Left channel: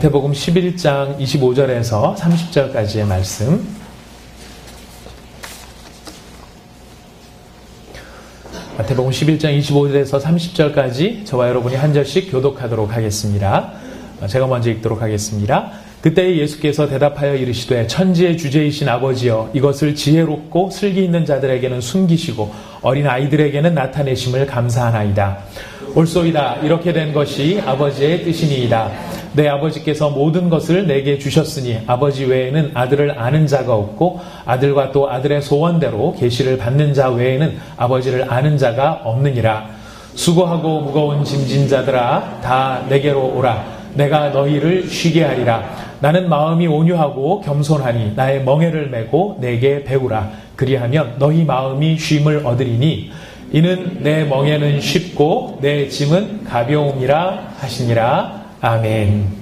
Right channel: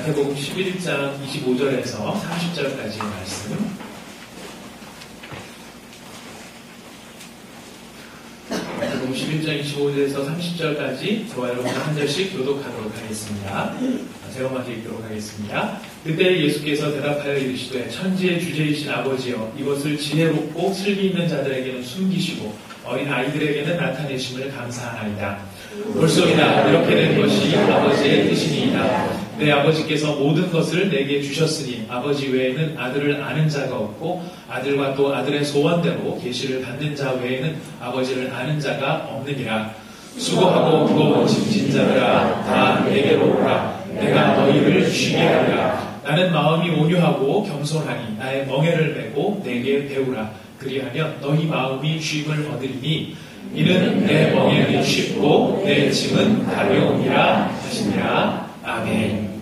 마태복음 11장 25절에서 30절까지의 말씀. 마태복음 11장 25절에서 30절까지 저와 여러분이 한 절씩 교독하도록 하겠습니다. 제가 먼저 읽도록 하겠습니다. 그때 예수께서 대답하여 이르시되 천지의 주제이신 아버지여 이것을 지혜롭고 슬기 있는 자들에게는 숨기시고 어린 아이들에게는 나타내심을 감사하나이다. 옳소이다. 이렇게 된 것이 아버지의 뜻이니이다. 내 아버지께서 모든 것을 내게 주셨으니 아버지 외에는 아들을 아는 자가 없고 아들과 또 아들의 소원대로 계시를 받는 자 외에는 아버지를 아는 자가 없느니라. 수고하고 무거운 짐진 자들아 다 내게로 오라. 내가 너희를 쉬게 하리라. 나는 마음이 온유하고 겸손하니 나의 멍에를 메고 내게 배우라. 그리하면 너희 마음이 쉼을 얻으리니 이는 내 멍에는 쉽고 내 짐은 가벼움이라 하시니라. 아멘.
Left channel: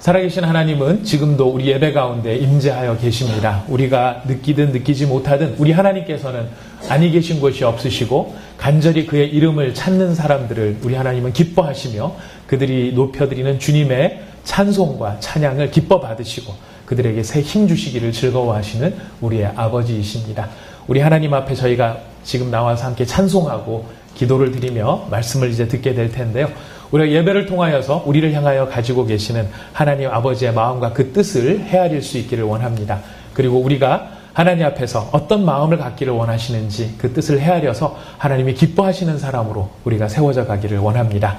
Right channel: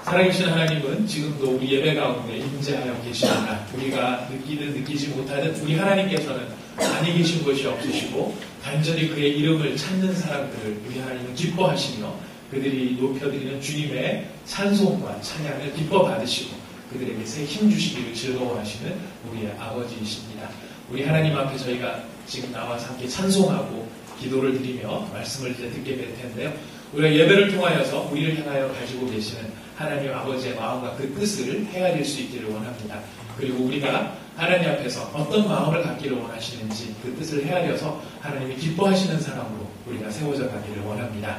살아계신 하나님은 지금도 우리 예배 가운데 임재하여 계십니다. 우리가 느끼든 느끼지 못하든 우리 하나님께서는 아니 계신 곳이 없으시고 간절히 그의 이름을 찾는 사람들을 우리 하나님은 기뻐하시며 그들이 높여드리는 주님의 찬송과 찬양을 기뻐 받으시고 그들에게 새 힘 주시기를 즐거워하시는 우리의 아버지이십니다. 우리 하나님 앞에 저희가 지금 나와서 함께 찬송하고 기도를 드리며 말씀을 이제 듣게 될 텐데요. 우리가 예배를 통하여서 우리를 향하여 가지고 계시는 하나님 아버지의 마음과 그 뜻을 헤아릴 수 있기를 원합니다. 그리고 우리가 하나님 앞에서 어떤 마음을 갖기를 원하시는지 그 뜻을 헤아려서 하나님이 기뻐하시는 사람으로 우리가 세워져 가기를 원합니다.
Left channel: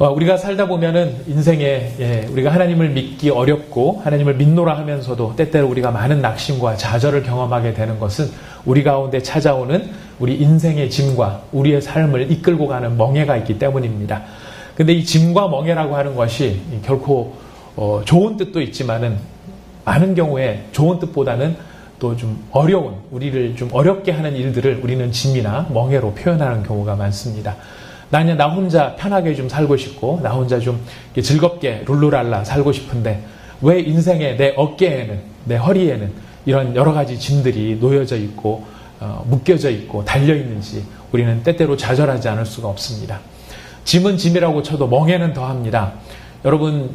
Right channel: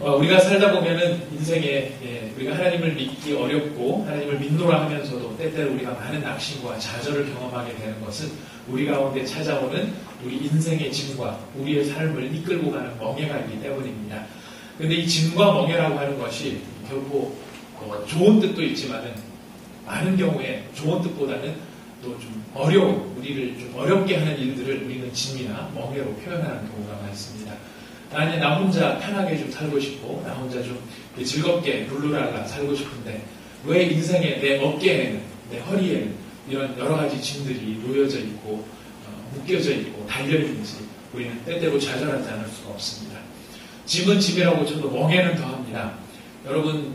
우리가 살다 보면은 인생에 우리가 하나님을 믿기 어렵고 하나님을 믿노라 하면서도 때때로 우리가 많은 낙심과 좌절을 경험하게 되는 것은 우리 가운데 찾아오는 우리 인생의 짐과 우리의 삶을 이끌고 가는 멍에가 있기 때문입니다. 근데 이 짐과 멍에라고 하는 것이 결코 좋은 뜻도 있지만은 많은 경우에 좋은 뜻보다는 또 좀 어려운, 우리를 좀 어렵게 하는 일들을 우리는 짐이나 멍에로 표현하는 경우가 많습니다. 나는 나 혼자 편하게 좀 살고 싶고 나 혼자 좀 즐겁게 룰루랄라 살고 싶은데 왜 인생에 내 어깨에는 내 허리에는 이런 여러 가지 짐들이 놓여져 있고 묶여져 있고 달려있는지 우리는 때때로 좌절하지 않을 수가 없습니다. 짐은 짐이라고 쳐도 멍에는 더합니다. 여러분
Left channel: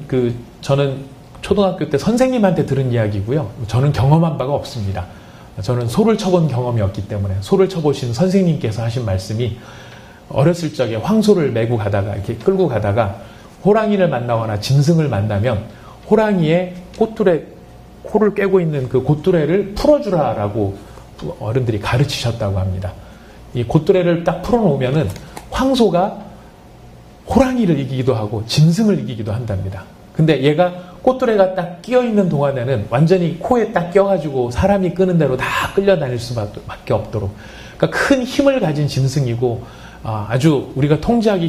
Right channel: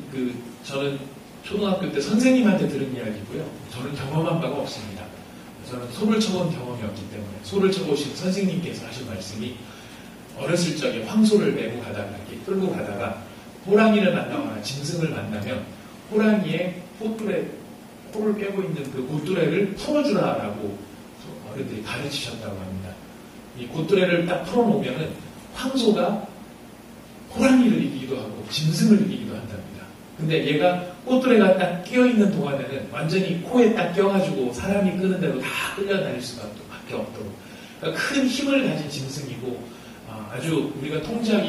저는 초등학교 때 선생님한테 들은 이야기고요. 저는 경험한 바가 없습니다. 저는 소를 쳐본 경험이 없기 때문에 소를 쳐보신 선생님께서 하신 말씀이 어렸을 적에 황소를 메고 가다가 이렇게 끌고 가다가 호랑이를 만나거나 짐승을 만나면 호랑이의 꼬투레 코를 꿰고 있는 그 꼬투레를 풀어주라라고 어른들이 가르치셨다고 합니다. 이 꼬투레를 딱 풀어놓으면은 황소가 호랑이를 이기기도 하고 짐승을 이기기도 한답니다. 근데 얘가 꼬투레가 딱 끼어있는 동안에는 완전히 코에 딱 껴가지고 사람이 끄는 대로 다 끌려다닐 수밖에 없도록 그러니까 큰 힘을 가진 짐승이고 아주 우리가 통제하기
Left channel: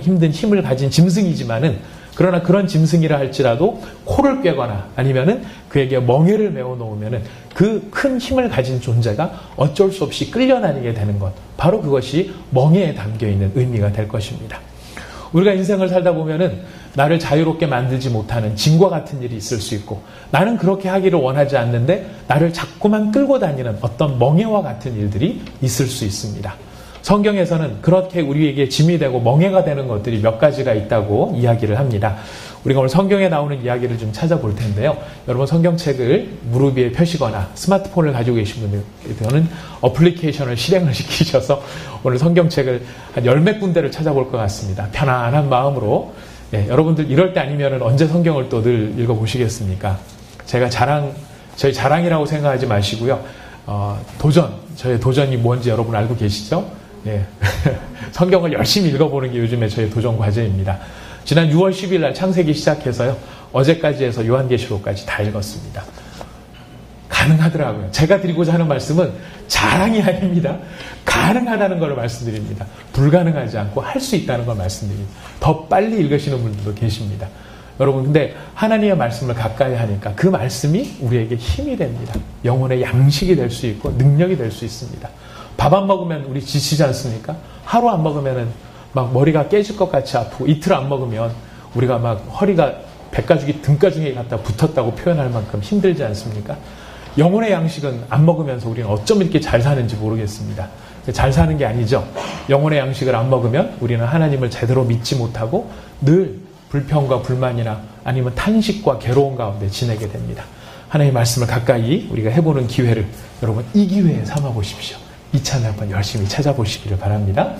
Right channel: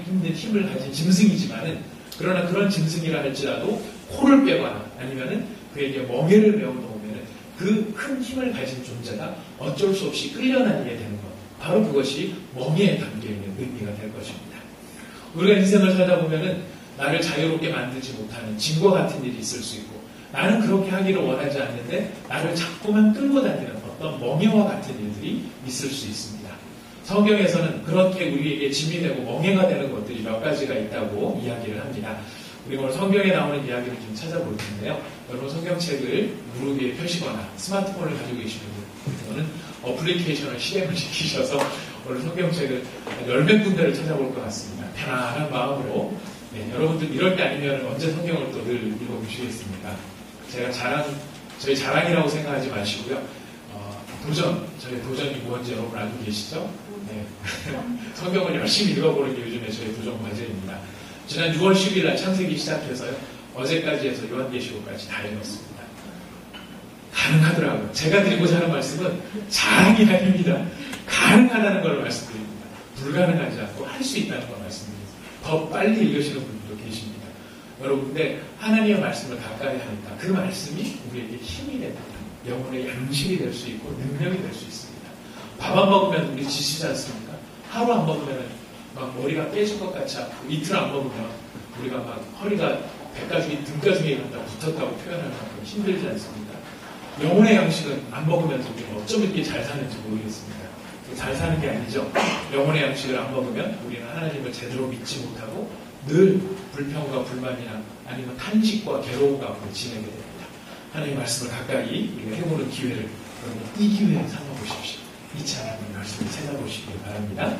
힘든 힘을 가진 짐승이지만은 그러나 그런 짐승이라 할지라도 코를 꿰거나 아니면은 그에게 멍에를 메어 놓으면은 그 큰 힘을 가진 존재가 어쩔 수 없이 끌려다니게 되는 것 바로 그것이 멍에에 담겨있는 의미가 될 것입니다. 우리가 인생을 살다 보면은 나를 자유롭게 만들지 못하는 짐과 같은 일이 있을 수 있고 나는 그렇게 하기를 원하지 않는데 나를 자꾸만 끌고 다니는 어떤 멍에와 같은 일들이 있을 수 있습니다. 성경에서는 그렇게 우리에게 짐이 되고 멍에가 되는 것들이 몇 가지가 있다고 이야기를 합니다. 우리가 오늘 성경에 나오는 이야기를 좀 찾아볼 텐데요. 여러분 성경책을 무릎 위에 펴시거나 스마트폰을 가지고 계신 분들은 어플리케이션을 실행을 시키셔서 오늘 성경책을 한 10몇 군데를 찾아볼 것 같습니다. 편안한 마음으로 여러분들 이럴 때 아니면 언제 성경을 또 늘 읽어보시겠습니까? 제가 저희 자랑이라고 생각하지 마시고요. 저의 도전이 뭔지 여러분 알고 계시죠? 네. 성경을 열심히 읽어보는 게 요즘에 저의 도전 과제입니다. 지난 6월 10일 날 창세기 시작해서요. 어제까지 해서 요한계시록까지 다 읽었습니다. 가능하더라고요. 제가 드리고자 하는 말씀은 자랑이 아닙니다. 가능하다는 걸 말씀드립니다. 불가능하지 않고 할 수 있다는 걸 말씀드립니다. 더 빨리 읽으시는 분들도 계십니다. 여러분 근데 하나님의 말씀을 가까이 하니까 그 말씀이 우리에게 힘이 됩니다. 영혼의 양식이 될 수 있고 능력이 될 수 있습니다. 밥 안 먹으면 우리 지치지 않습니까? 하루 안 먹으면 막 머리가 깨질 것 같이 아프고 이틀 안 먹으면 우리가 막 허리가 백가죽이 등가죽에 갖다 붙었다고 표현할 만큼 힘들지 않습니까? 영혼의 양식은 안 먹으면서 우리는 어쩜 이렇게 잘 사는지 모르겠습니다. 잘 사는 게 아니죠. 영혼의 양식을 안 먹으면 우리는 하나님을 제대로 믿지 못하고 늘 불평과 불만이나 아니면 탄식과 괴로움 가운데 지내게 됩니다. 하나님의 말씀을 가까이 우리가 해보는 기회를 여러분 이 기회에 삼아보십시오. 이참에 한번 열심히 찾아보시기를 바랍니다.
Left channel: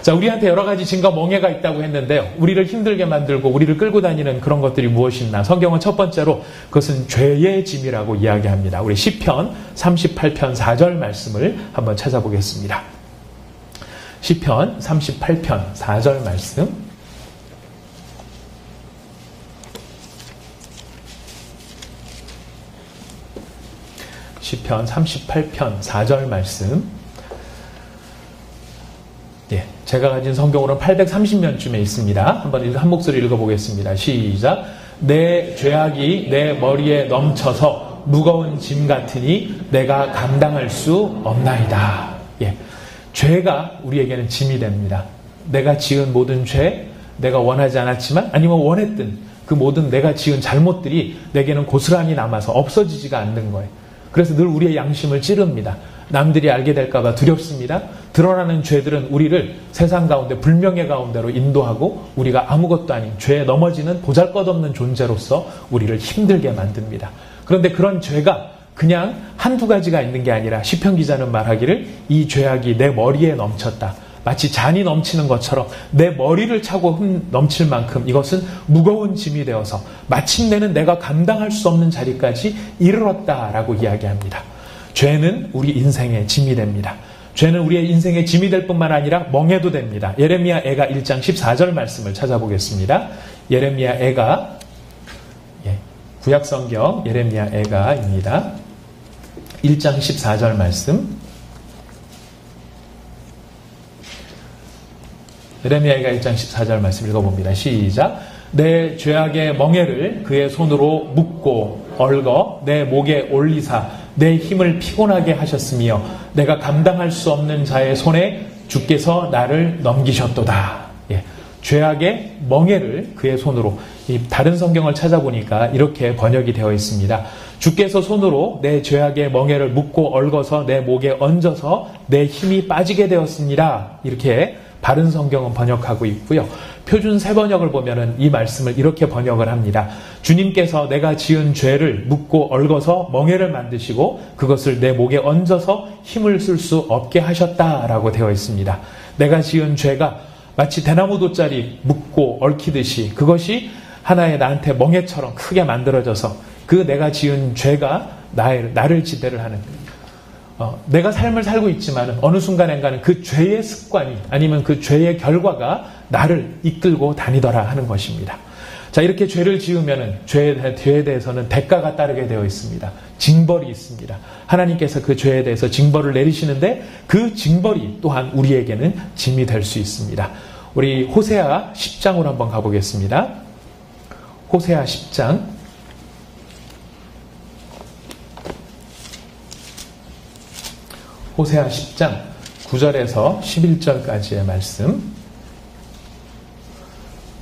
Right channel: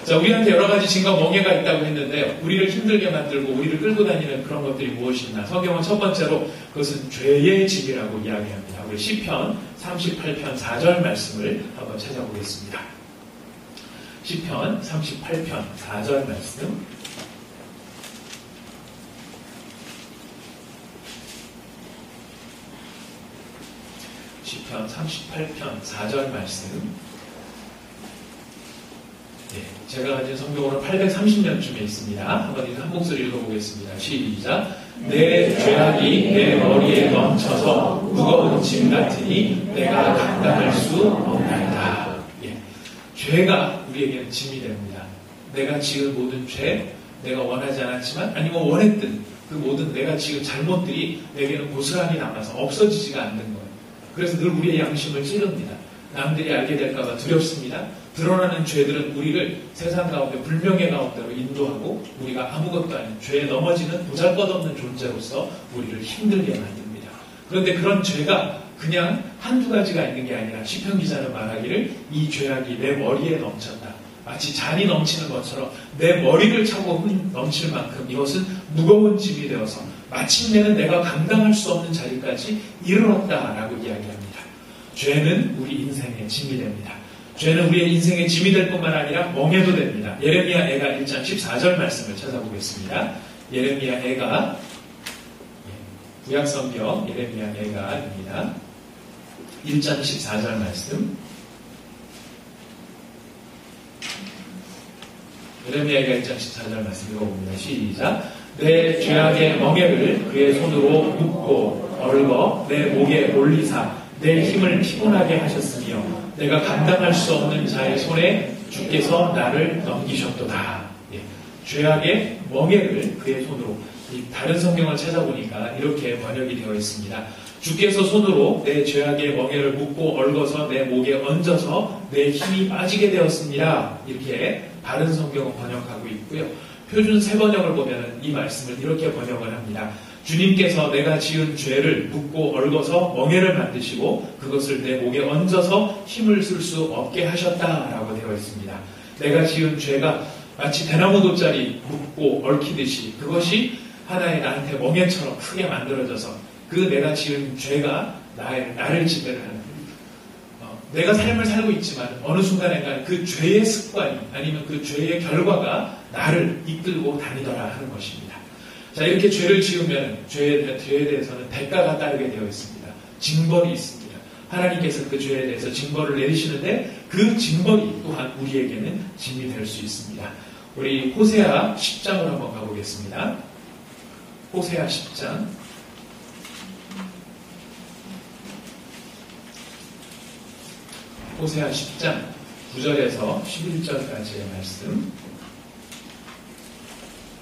자, 우리한테 여러 가지 짐과 멍해가 있다고 했는데 우리를 힘들게 만들고 우리를 끌고 다니는 그런 것들이 무엇이나 성경은 첫 번째로 그것은 죄의 짐이라고 이야기합니다. 우리 시편 38편 4절 말씀을 한번 찾아보겠습니다. 시편 38편 4절 말씀. 시편 38편 4절 말씀. 예, 제가 가진 성경으로는 830년쯤에 있습니다. 한번 한 목소리 읽어보겠습니다. 시작. 내 죄악이 내 머리에 넘쳐서 무거운 짐 같으니 내가 감당할 수 없나이다. 예, 죄가 우리에게는 짐이 됩니다. 내가 지은 모든 죄, 내가 원하지 않았지만 아니면 원했던 그 모든 내가 지은 잘못들이 내게는 고스란히 남아서 없어지지가 않는 거예요. 그래서 늘 우리의 양심을 찌릅니다. 남들이 알게 될까봐 두렵습니다. 드러나는 죄들은 우리를 세상 가운데 불명예 가운데로 인도하고 우리가 아무것도 아닌 죄에 넘어지는 보잘것없는 존재로서 우리를 힘들게 만듭니다. 그런데 그런 죄가 그냥 한두 가지가 있는 게 아니라 시편 기자는 말하기를 이 죄악이 내 머리에 넘쳤다. 마치 잔이 넘치는 것처럼 내 머리를 차고 넘칠 만큼 이것은 무거운 짐이 되어서 마침내는 내가 감당할 수 없는 자리까지 이르렀다라고 이야기합니다. 죄는 우리 인생의 짐이 됩니다. 죄는 우리의 인생의 짐이 될 뿐만 아니라 멍해도 됩니다. 예레미야 애가 1장 14절 말씀을 찾아보겠습니다. 예레미야 애가 구약성경 예레미야 애가입니다. 1장 14절 말씀. 예레미야가 1장 14절 말씀 읽어봅니다. 시작. 내 죄악의 멍에를 그의 손으로 묶고 얽어 내 목에 올리사 내 힘을 피곤하게 하셨으며 내가 감당할 수 없는 자의 손에 주께서 나를 넘기셨도다. 예, 죄악의 멍에를 그의 손으로. 다른 성경을 찾아보니까 이렇게 번역이 되어 있습니다. 주께서 손으로 내 죄악의 멍에를 묶고 얽어서 내 목에 얹어서 내 힘이 빠지게 되었습니다. 이렇게 바른 성경은 번역하고 있고요. 표준 새번역을 보면은 이 말씀을 이렇게 번역을 합니다. 주님께서 내가 지은 죄를 묶고 얽어서 멍에를 만드시고 그것을 내 목에 얹어서 힘을 쓸 수 없게 하셨다라고 되어 있습니다. 내가 지은 죄가 마치 대나무 돗자리 묶고 얽히듯이 그것이 하나의 나한테 멍에처럼 크게 만들어져서 그 내가 지은 죄가 나를 지배를 하는 내가 삶을 살고 있지만 어느 순간엔가는 그 죄의 습관이 아니면 그 죄의 결과가 나를 이끌고 다니더라 하는 것입니다. 자, 이렇게 죄를 지으면 죄에 대해서는 대가가 따르게 되어 있습니다. 징벌이 있습니다. 하나님께서 그 죄에 대해서 징벌을 내리시는데 그 징벌이 또한 우리에게는 짐이 될 수 있습니다. 우리 호세아 10장으로 한번 가보겠습니다. 호세아 10장. 호세아 10장 9절에서 11절까지의 말씀.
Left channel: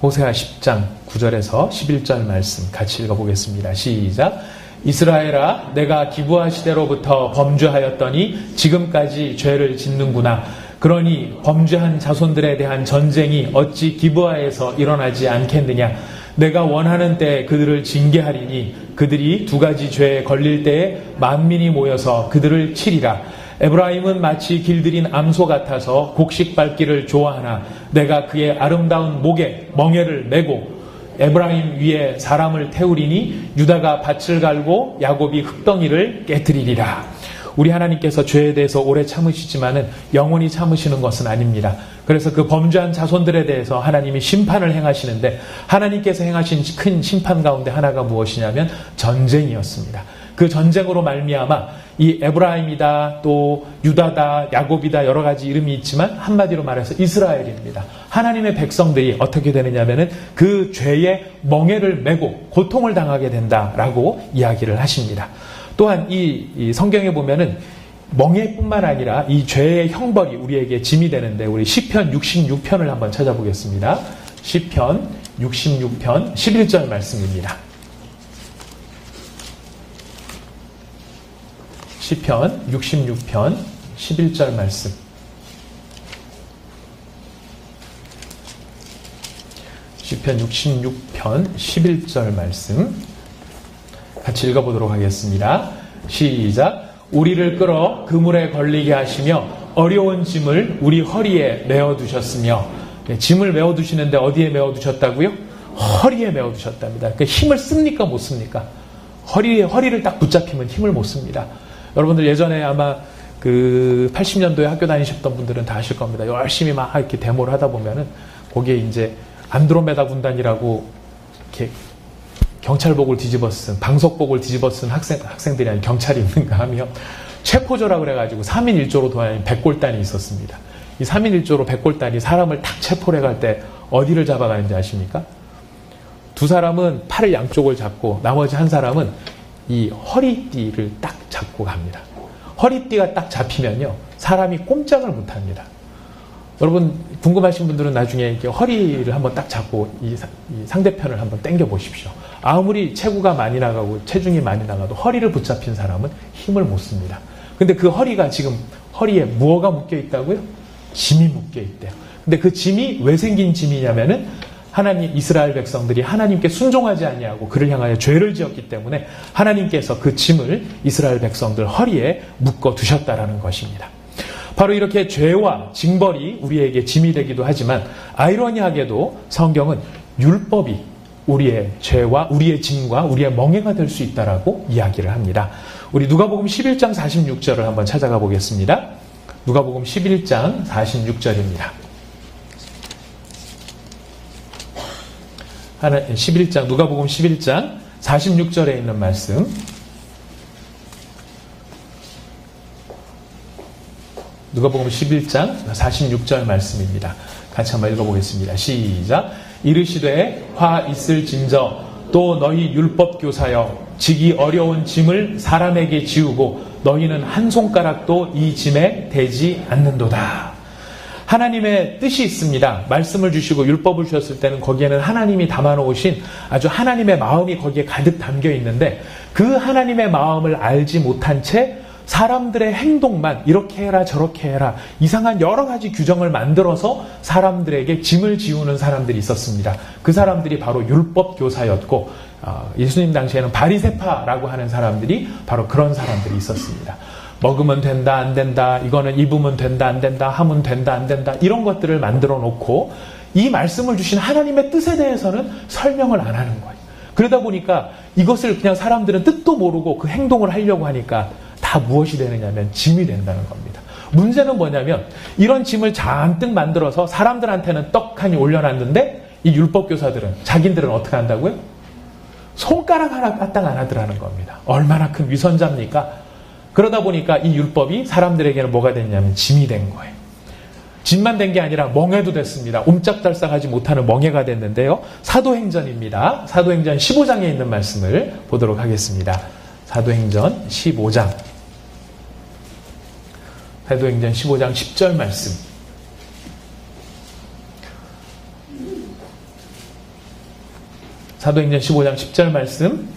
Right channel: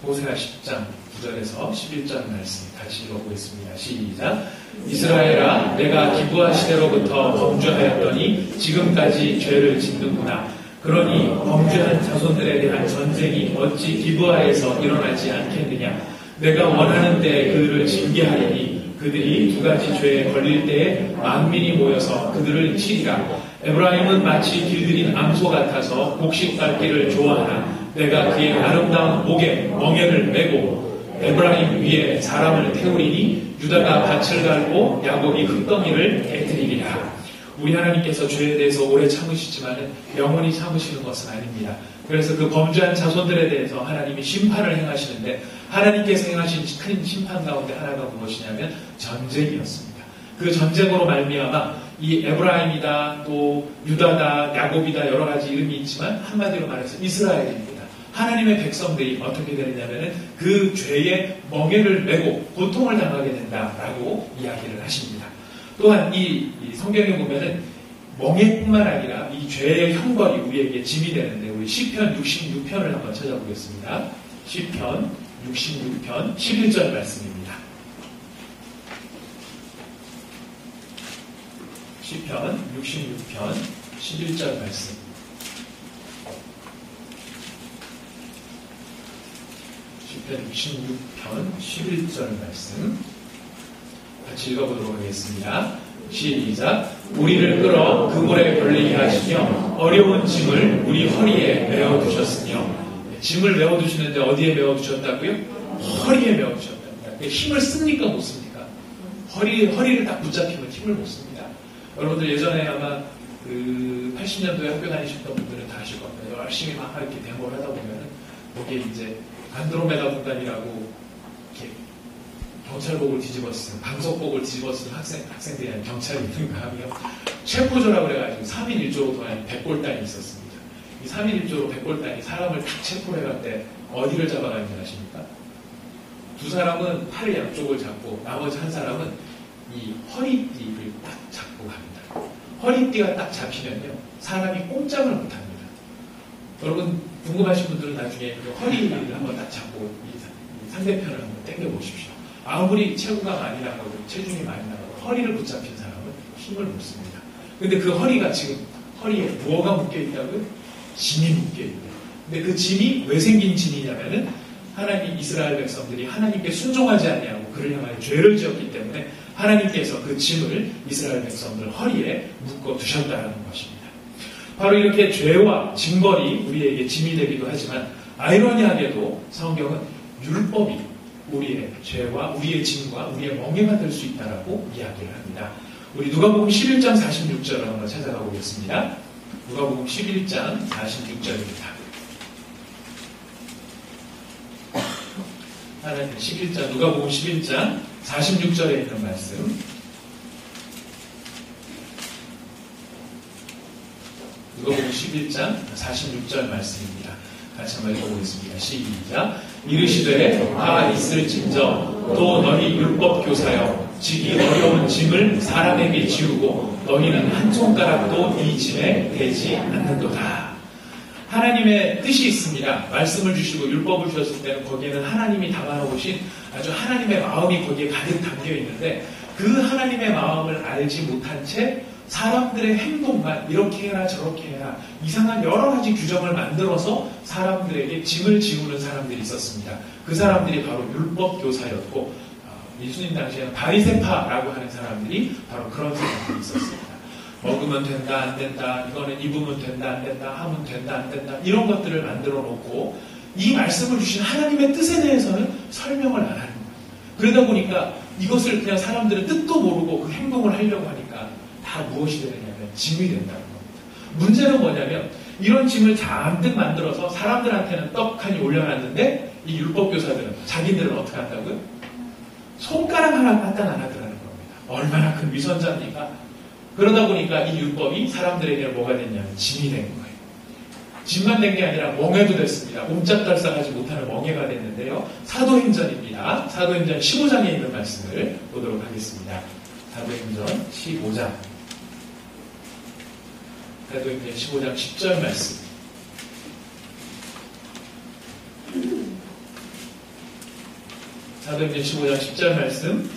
호세아 10장 9절에서 11절 말씀 같이 읽어보겠습니다. 시작. 이스라엘아, 내가 기브아 시대로부터 범죄하였더니 지금까지 죄를 짓는구나. 그러니 범죄한 자손들에 대한 전쟁이 어찌 기브아에서 일어나지 않겠느냐. 내가 원하는 때에 그들을 징계하리니 그들이 두 가지 죄에 걸릴 때에 만민이 모여서 그들을 치리라. 에브라임은 마치 길들인 암소 같아서 곡식 밟기를 좋아하나 내가 그의 아름다운 목에 멍에를 메고 에브라임 위에 사람을 태우리니 유다가 밭을 갈고 야곱이 흙덩이를 깨뜨리리라. 우리 하나님께서 죄에 대해서 오래 참으시지만은 영원히 참으시는 것은 아닙니다. 그래서 그 범죄한 자손들에 대해서 하나님이 심판을 행하시는데 하나님께서 행하신 큰 심판 가운데 하나가 무엇이냐면 전쟁이었습니다. 그 전쟁으로 말미암아 이 에브라임이다, 또 유다다, 야곱이다 여러 가지 이름이 있지만 한마디로 말해서 이스라엘입니다. 하나님의 백성들이 어떻게 되느냐면은 그 죄의 멍에를 메고 고통을 당하게 된다라고 이야기를 하십니다. 또한 이 성경에 보면은 멍에뿐만 아니라 이 죄의 형벌이 우리에게 짐이 되는데 우리 시편 66편을 한번 찾아보겠습니다. 시편 66편 11절 말씀입니다. 시편 66편 11절 말씀. 시편 66편 11절 말씀 같이 읽어보도록 하겠습니다. 시작. 우리를 끌어 그물에 걸리게 하시며 어려운 짐을 우리 허리에 메어두셨으며. 짐을 메어두시는데 어디에 메어두셨다고요? 허리에 메어두셨답니다. 그 힘을 씁니까 못 씁니까? 허리를 딱 붙잡히면 힘을 못 씁니다. 여러분들 예전에 아마 그 80년도에 학교 다니셨던 분들은 다 아실 겁니다. 열심히 막 이렇게 데모를 하다 보면은 거기에 이제 안드로메다 군단이라고 이렇게 경찰복을 뒤집어 쓴, 방석복을 뒤집어 쓴 학생들이 아닌 경찰이 있는가 하며 체포조라 그래가지고 3인 1조로 도와낸 백골단이 있었습니다. 이 3인 1조로 백골단이 사람을 딱 체포를 해갈 때 어디를 잡아가는지 아십니까? 두 사람은 팔을 양쪽을 잡고 나머지 한 사람은 이 허리띠를 딱 잡고 갑니다. 허리띠가 딱 잡히면요 사람이 꼼짝을 못합니다. 여러분 궁금하신 분들은 나중에 이렇게 허리를 한번 딱 잡고 이 상대편을 한번 당겨 보십시오. 아무리 체구가 많이 나가고 체중이 많이 나가도 허리를 붙잡힌 사람은 힘을 못 씁니다. 근데 그 허리가 지금 허리에 무엇가 묶여 있다고요? 짐이 묶여 있대요. 근데 그 짐이 왜 생긴 짐이냐면은 하나님 이스라엘 백성들이 하나님께 순종하지 아니하고 그를 향하여 죄를 지었기 때문에 하나님께서 그 짐을 이스라엘 백성들 허리에 묶어 두셨다라는 것입니다. 바로 이렇게 죄와 징벌이 우리에게 짐이 되기도 하지만 아이러니하게도 성경은 율법이 우리의 죄와 우리의 짐과 우리의 멍에가 될 수 있다라고 이야기를 합니다. 우리 누가복음 11장 46절을 한번 찾아가 보겠습니다. 누가복음 11장 46절입니다. 11장 누가복음 11장 46절에 있는 말씀. 누가복음 11장 46절 말씀입니다. 같이 한번 읽어보겠습니다. 시작. 이르시되 화 있을진저 또 너희 율법 교사여 지기 어려운 짐을 사람에게 지우고 너희는 한 손가락도 이 짐에 대지 않는도다. 하나님의 뜻이 있습니다. 말씀을 주시고 율법을 주셨을 때는 거기에는 하나님이 담아놓으신 아주 하나님의 마음이 거기에 가득 담겨 있는데 그 하나님의 마음을 알지 못한 채 사람들의 행동만 이렇게 해라 저렇게 해라 이상한 여러 가지 규정을 만들어서 사람들에게 짐을 지우는 사람들이 있었습니다. 그 사람들이 바로 율법 교사였고 예수님 당시에는 바리새파라고 하는 사람들이 바로 그런 사람들이 있었습니다. 먹으면 된다 안 된다 이거는 입으면 된다 안 된다 하면 된다 안 된다 이런 것들을 만들어 놓고 이 말씀을 주신 하나님의 뜻에 대해서는 설명을 안 하는 거예요. 그러다 보니까 이것을 그냥 사람들은 뜻도 모르고 그 행동을 하려고 하니까 다 무엇이 되느냐면 짐이 된다는 겁니다. 문제는 뭐냐면 이런 짐을 잔뜩 만들어서 사람들한테는 떡하니 올려놨는데 이 율법교사들은 자기들은 어떻게 한다고요? 손가락 하나 까딱 안 하더라는 겁니다. 얼마나 큰 위선자입니까? 그러다 보니까 이 율법이 사람들에게는 뭐가 됐냐면 짐이 된 거예요. 짐만 된 게 아니라 멍에도 됐습니다. 옴짝달싹하지 못하는 멍에가 됐는데요. 사도행전입니다. 사도행전 15장에 있는 말씀을 보도록 하겠습니다. 사도행전 15장. 사도행전 15장 10절 말씀. 사도행전 15장 10절 말씀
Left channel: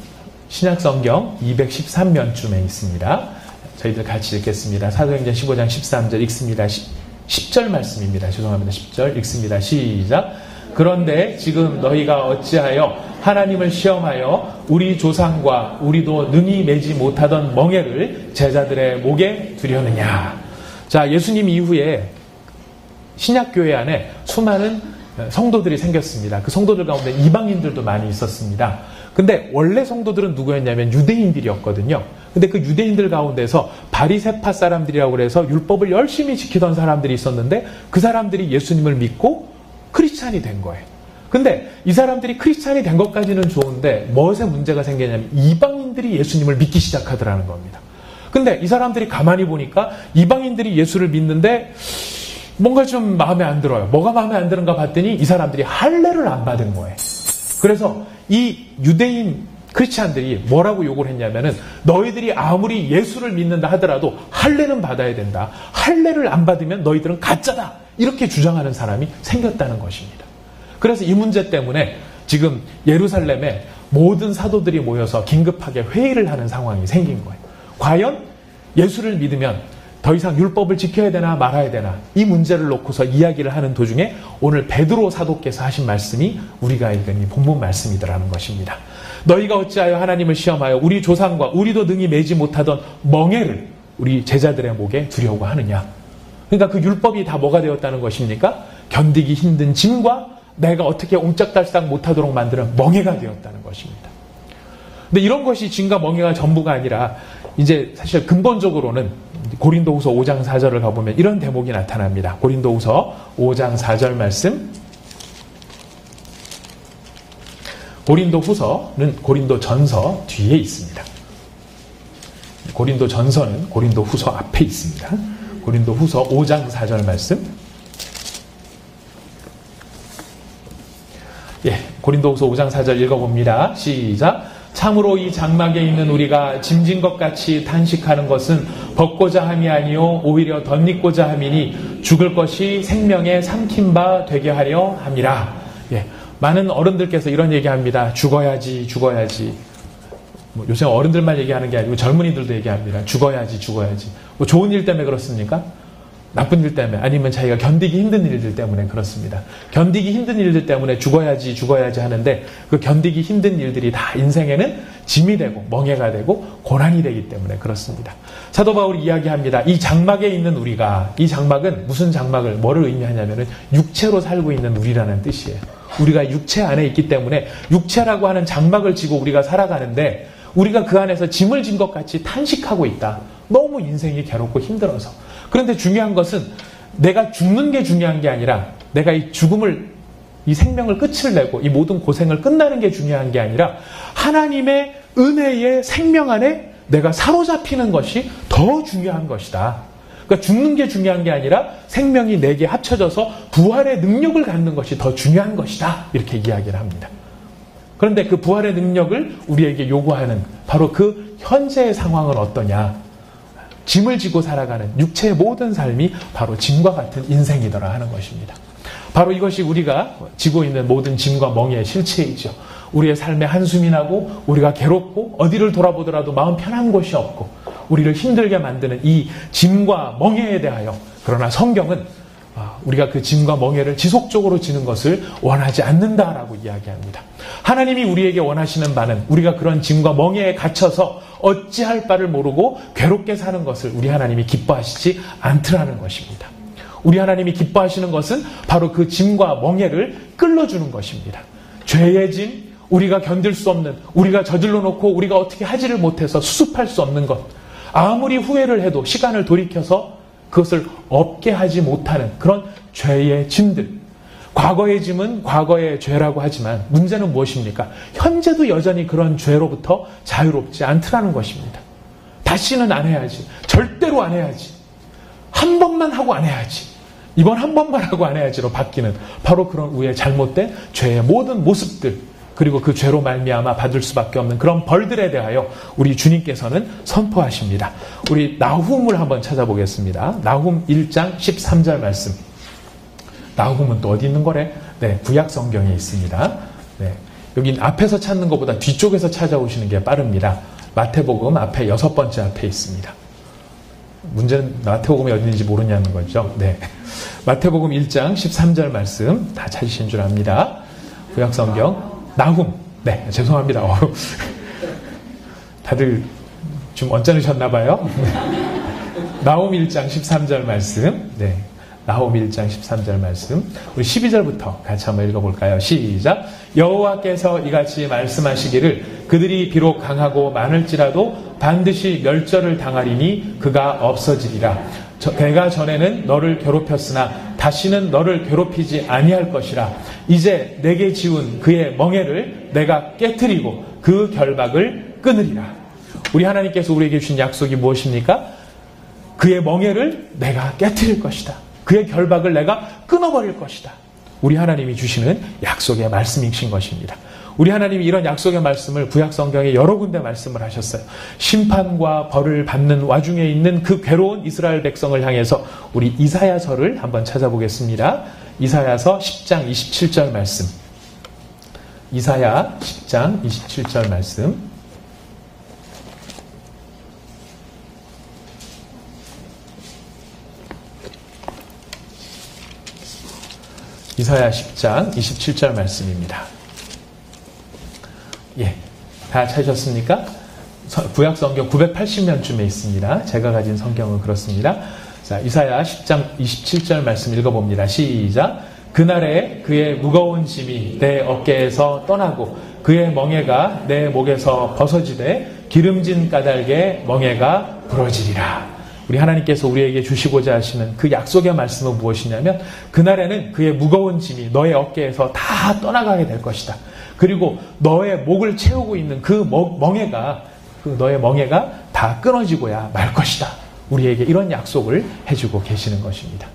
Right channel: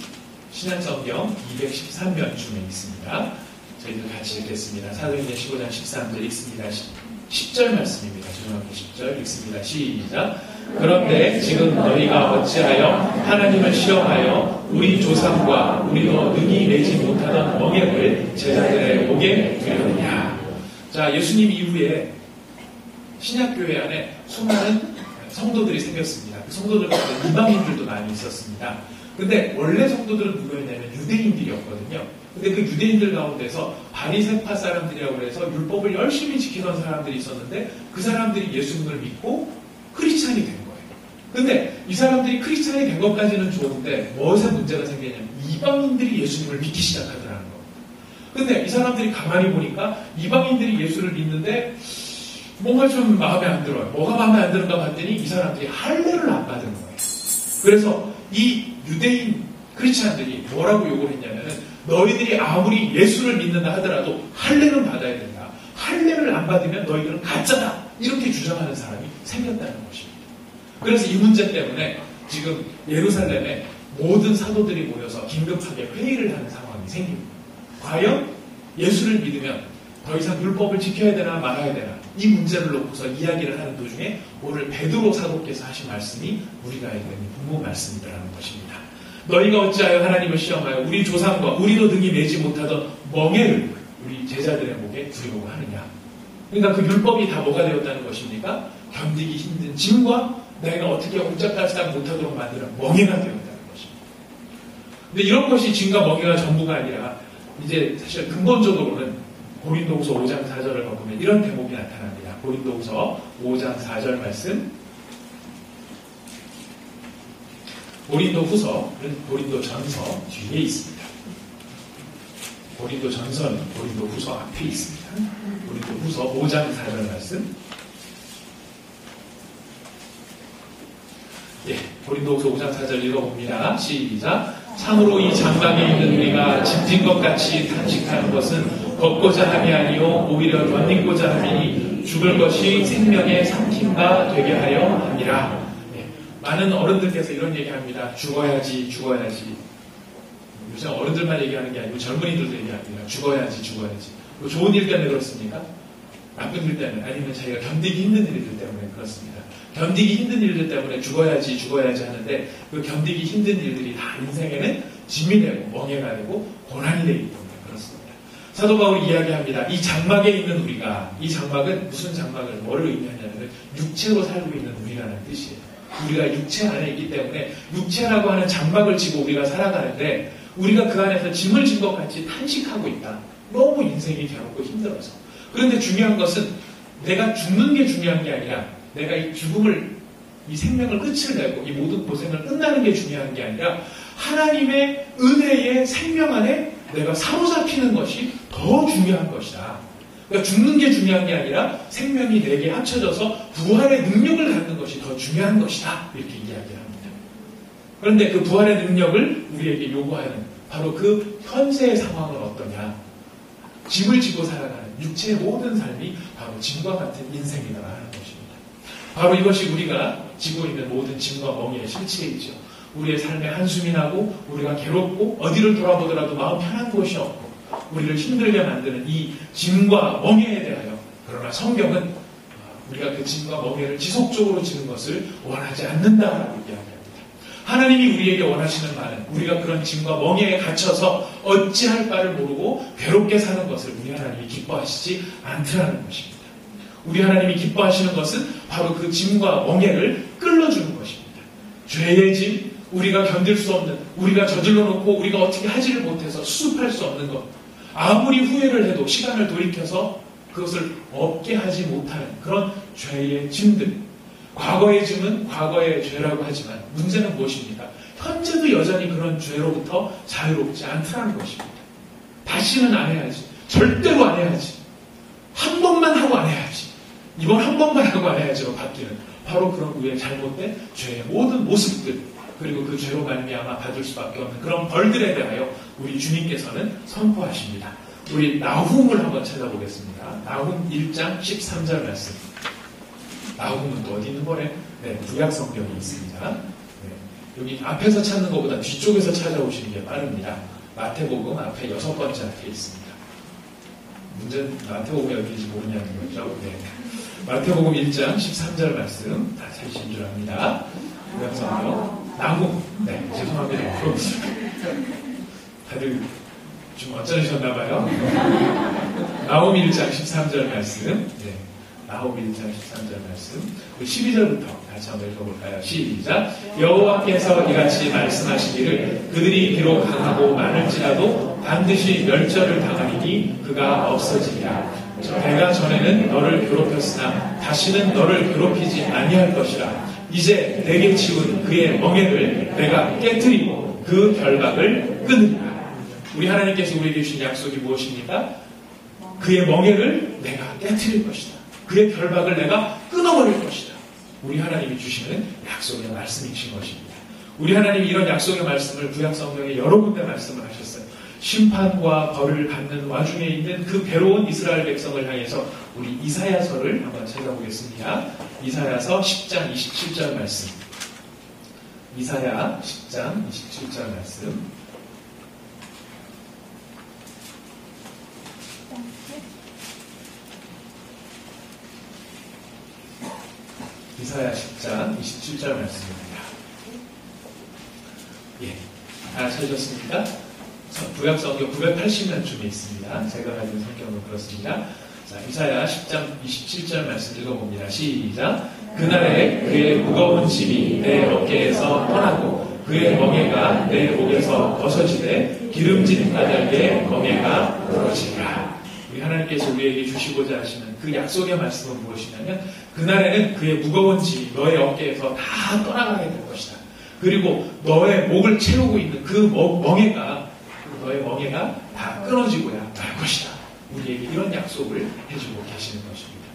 신약성경 213면쯤에 있습니다. 저희들 같이 읽겠습니다. 사도행전 15장 13절 읽습니다. 10절 말씀입니다. 죄송합니다. 10절 읽습니다. 시작. 그런데 지금 너희가 어찌하여 하나님을 시험하여 우리 조상과 우리도 능히 내지 못하던 멍에를 제자들의 목에 두려느냐. 자, 예수님 이후에 신약교회 안에 수많은 성도들이 생겼습니다. 그 성도들 가운데 이방인들도 많이 있었습니다. 근데 원래 성도들은 누구였냐면 유대인들이었거든요. 근데 그 유대인들 가운데서 바리새파 사람들이라고 해서 율법을 열심히 지키던 사람들이 있었는데 그 사람들이 예수님을 믿고 크리스찬이 된 거예요. 근데 이 사람들이 크리스찬이 된 것까지는 좋은데 무엇에 문제가 생기냐면 이방인들이 예수님을 믿기 시작하더라는 겁니다. 근데 이 사람들이 가만히 보니까 이방인들이 예수를 믿는데 뭔가 좀 마음에 안 들어요. 뭐가 마음에 안 드는가 봤더니 이 사람들이 할례를 안 받은 거예요. 그래서 이 유대인 크리스찬들이 뭐라고 욕을 했냐면은 너희들이 아무리 예수를 믿는다 하더라도 할례는 받아야 된다. 할례를 안 받으면 너희들은 가짜다. 이렇게 주장하는 사람이 생겼다는 것입니다. 그래서 이 문제 때문에 지금 예루살렘에 모든 사도들이 모여서 긴급하게 회의를 하는 상황이 생긴 거예요. 과연 예수를 믿으면 더 이상 율법을 지켜야 되나 말아야 되나 이 문제를 놓고서 이야기를 하는 도중에 오늘 베드로 사도께서 하신 말씀이 우리가 읽은 이 본문 말씀이더라는 것입니다. 너희가 어찌하여 하나님을 시험하여 우리 조상과 우리도 능히 매지 못하던 멍에를 우리 제자들의 목에 두려고 하느냐. 그러니까 그 율법이 다 뭐가 되었다는 것입니까? 견디기 힘든 짐과 내가 어떻게 옴짝달싹 못하도록 만드는 멍에가 되었다는 것입니다. 근데 이런 것이 짐과 멍에가 전부가 아니라 이제 사실 근본적으로는 고린도후서 5장 4절을 가보면 이런 대목이 나타납니다. 고린도후서 5장 4절 말씀. 고린도후서는 고린도전서 뒤에 있습니다. 고린도전서는 고린도후서 앞에 있습니다. 고린도후서 5장 4절 말씀. 예, 고린도후서 5장 4절 읽어봅니다. 시작. 참으로 이 장막에 있는 우리가 짐진 것 같이 탄식하는 것은 벗고자 함이 아니요 오히려 덧입고자 함이니 죽을 것이 생명의 삼킨 바 되게 하려 함이라. 예, 많은 어른들께서 이런 얘기합니다. 죽어야지. 뭐 요새 어른들만 얘기하는 게 아니고 젊은이들도 얘기합니다. 죽어야지. 뭐 좋은 일 때문에 그렇습니까? 나쁜 일 때문에 아니면 자기가 견디기 힘든 일들 때문에 그렇습니다. 견디기 힘든 일들 때문에 죽어야지 하는데 그 견디기 힘든 일들이 다 인생에는 짐이 되고 멍해가 되고 고난이 되기 때문에 그렇습니다. 사도 바울이 이야기합니다. 이 장막에 있는 우리가, 이 장막은 무슨 장막을 뭐를 의미하냐면은 육체로 살고 있는 우리라는 뜻이에요. 우리가 육체 안에 있기 때문에 육체라고 하는 장막을 지고 우리가 살아가는데 우리가 그 안에서 짐을 진 것 같이 탄식하고 있다. 너무 인생이 괴롭고 힘들어서. 그런데 중요한 것은 내가 죽는 게 중요한 게 아니라 내가 이 죽음을, 이 생명을 끝을 내고 이 모든 고생을 끝나는 게 중요한 게 아니라 하나님의 은혜의 생명 안에 내가 사로잡히는 것이 더 중요한 것이다. 그러니까 죽는 게 중요한 게 아니라 생명이 내게 합쳐져서 부활의 능력을 갖는 것이 더 중요한 것이다. 이렇게 이야기를 합니다. 그런데 그 부활의 능력을 우리에게 요구하는 바로 그 현재의 상황은 어떠냐? 짐을 지고 살아가는 육체의 모든 삶이 바로 짐과 같은 인생이더라 하는 것입니다. 바로 이것이 우리가 지고 있는 모든 짐과 멍에의 실체이죠. 우리의 삶에 한숨이 나고 우리가 괴롭고 어디를 돌아보더라도 마음 편한 곳이 없고 우리를 힘들게 만드는 이 짐과 멍에에 대하여, 그러나 성경은 우리가 그 짐과 멍에를 지속적으로 지는 것을 원하지 않는다라고 이야기합니다. 하나님이 우리에게 원하시는 바는 우리가 그런 짐과 멍에에 갇혀서 어찌할 바를 모르고 괴롭게 사는 것을 우리 하나님이 기뻐하시지 않더라는 것입니다. 우리 하나님이 기뻐하시는 것은 바로 그 짐과 멍에를 끌어주는 것입니다. 죄의 짐, 우리가 견딜 수 없는, 우리가 저질러 놓고 우리가 어떻게 하지를 못해서 수습할 수 없는 것, 아무리 후회를 해도 시간을 돌이켜서 그것을 없게 하지 못하는 그런 죄의 짐들, 과거의 짐은 과거의 죄라고 하지만 문제는 무엇입니까? 현재도 여전히 그런 죄로부터 자유롭지 않더라는 것입니다. 다시는 안 해야지. 절대로 안 해야지. 한 번만 하고 안 해야지. 이번 한 번만 하고 안 해야지로 바뀌는 바로 그런 우리의 잘못된 죄의 모든 모습들, 그리고 그 죄로 말미암아 받을 수밖에 없는 그런 벌들에 대하여 우리 주님께서는 선포하십니다. 우리 나훔을 한번 찾아보겠습니다. 나훔 1장 13절 말씀. 나훔은 또 어디 있는 거래? 네, 구약 성경에 있습니다. 네, 여기 앞에서 찾는 것보다 뒤쪽에서 찾아오시는 게 빠릅니다. 마태복음 앞에 6번째 앞에 있습니다. 문제는 마태복음이 어디 있는지 모르냐는 거죠. 네, 마태복음 1장 13절 말씀 다 찾으신 줄 압니다. 구약 성경 나훔. 네, 죄송합니다. 다들 좀 언짢으셨나 봐요. 나훔 1장 13절 말씀. 네. 나훔 1장 13절 말씀, 우리 12절부터 같이 한번 읽어볼까요? 시작. 여호와께서 이같이 말씀하시기를 그들이 비록 강하고 많을지라도 반드시 멸절을 당하리니 그가 없어지리라. 내가 전에는 너를 괴롭혔으나 다시는 너를 괴롭히지 아니할 것이라. 이제 내게 지운 그의 멍에를 내가 깨트리고 그 결박을 끊으리라. 우리 하나님께서 우리에게 주신 약속이 무엇입니까? 그의 멍에를 내가 깨트릴 것이다. 그의 결박을 내가 끊어버릴 것이다. 우리 하나님이 주시는 약속의 말씀이신 것입니다. 우리 하나님이 이런 약속의 말씀을 구약 성경에 여러 군데 말씀을 하셨어요. 심판과 벌을 받는 와중에 있는 그 괴로운 이스라엘 백성을 향해서 우리 이사야서를 한번 찾아보겠습니다. 이사야서 10장 27절 말씀. 이사야 10장 27절 말씀. 이사야 10장 27절 말씀입니다. 예, 다 찾으셨습니까? 구약 성경 980년쯤에 있습니다. 제가 가진 성경은 그렇습니다. 자, 이사야 10장 27절 말씀 읽어봅니다. 시작. 그날에 그의 무거운 짐이 내 어깨에서 떠나고 그의 멍에가 내 목에서 벗어지되 기름진 까닭에 멍에가 부러지리라. 우리 하나님께서 우리에게 주시고자 하시는 그 약속의 말씀은 무엇이냐면 그날에는 그의 무거운 짐이 너의 어깨에서 다 떠나가게 될 것이다. 그리고 너의 목을 채우고 있는 그 멍에가 너의 멍에가 다 끊어지고야 말 것이다. 우리에게 이런 약속을 해주고 계시는 것입니다.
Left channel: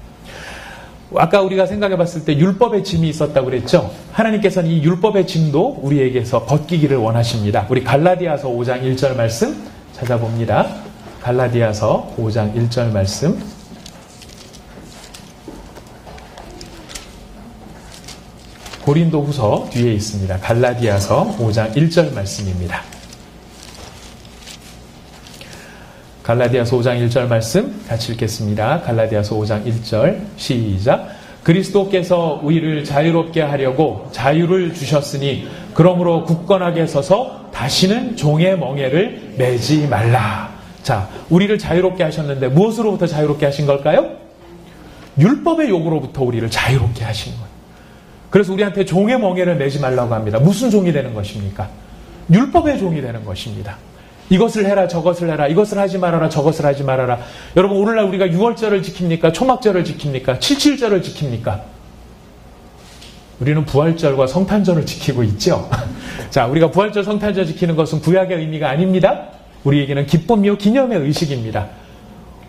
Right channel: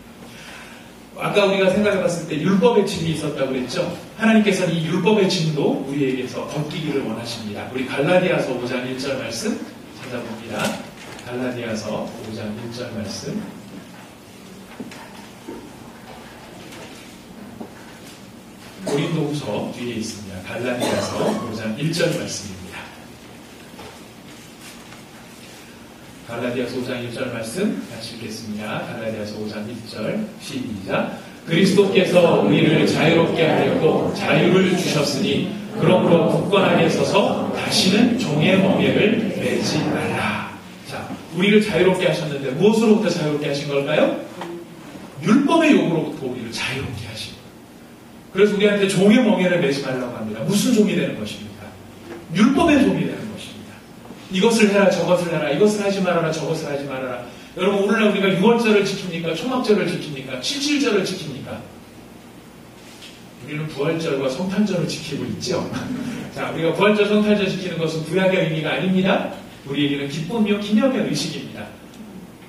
아까 우리가 생각해 봤을 때 율법의 짐이 있었다고 그랬죠. 하나님께서는 이 율법의 짐도 우리에게서 벗기기를 원하십니다. 우리 갈라디아서 5장 1절 말씀 찾아봅니다. 갈라디아서 5장 1절 말씀. 고린도후서 뒤에 있습니다. 갈라디아서 5장 1절 말씀입니다. 갈라디아서 5장 1절 말씀 같이 읽겠습니다. 갈라디아서 5장 1절 시작. 그리스도께서 우리를 자유롭게 하려고 자유를 주셨으니 그러므로 굳건하게 서서 다시는 종의 멍에를 매지 말라. 자, 우리를 자유롭게 하셨는데 무엇으로부터 자유롭게 하신 걸까요? 율법의 요구로부터 우리를 자유롭게 하신 거예요. 그래서 우리한테 종의 멍에를 매지 말라고 합니다. 무슨 종이 되는 것입니까? 율법의 종이 되는 것입니다. 이것을 해라 저것을 해라 이것을 하지 말아라 저것을 하지 말아라. 여러분 오늘날 우리가 6월절을 지킵니까? 초막절을 지킵니까? 7.7절을 지킵니까? 우리는 부활절과 성탄절을 지키고 있죠. 자, 우리가 부활절 성탄절 지키는 것은 구약의 의미가 아닙니다. 우리에게는 기쁨이요 기념의 의식입니다.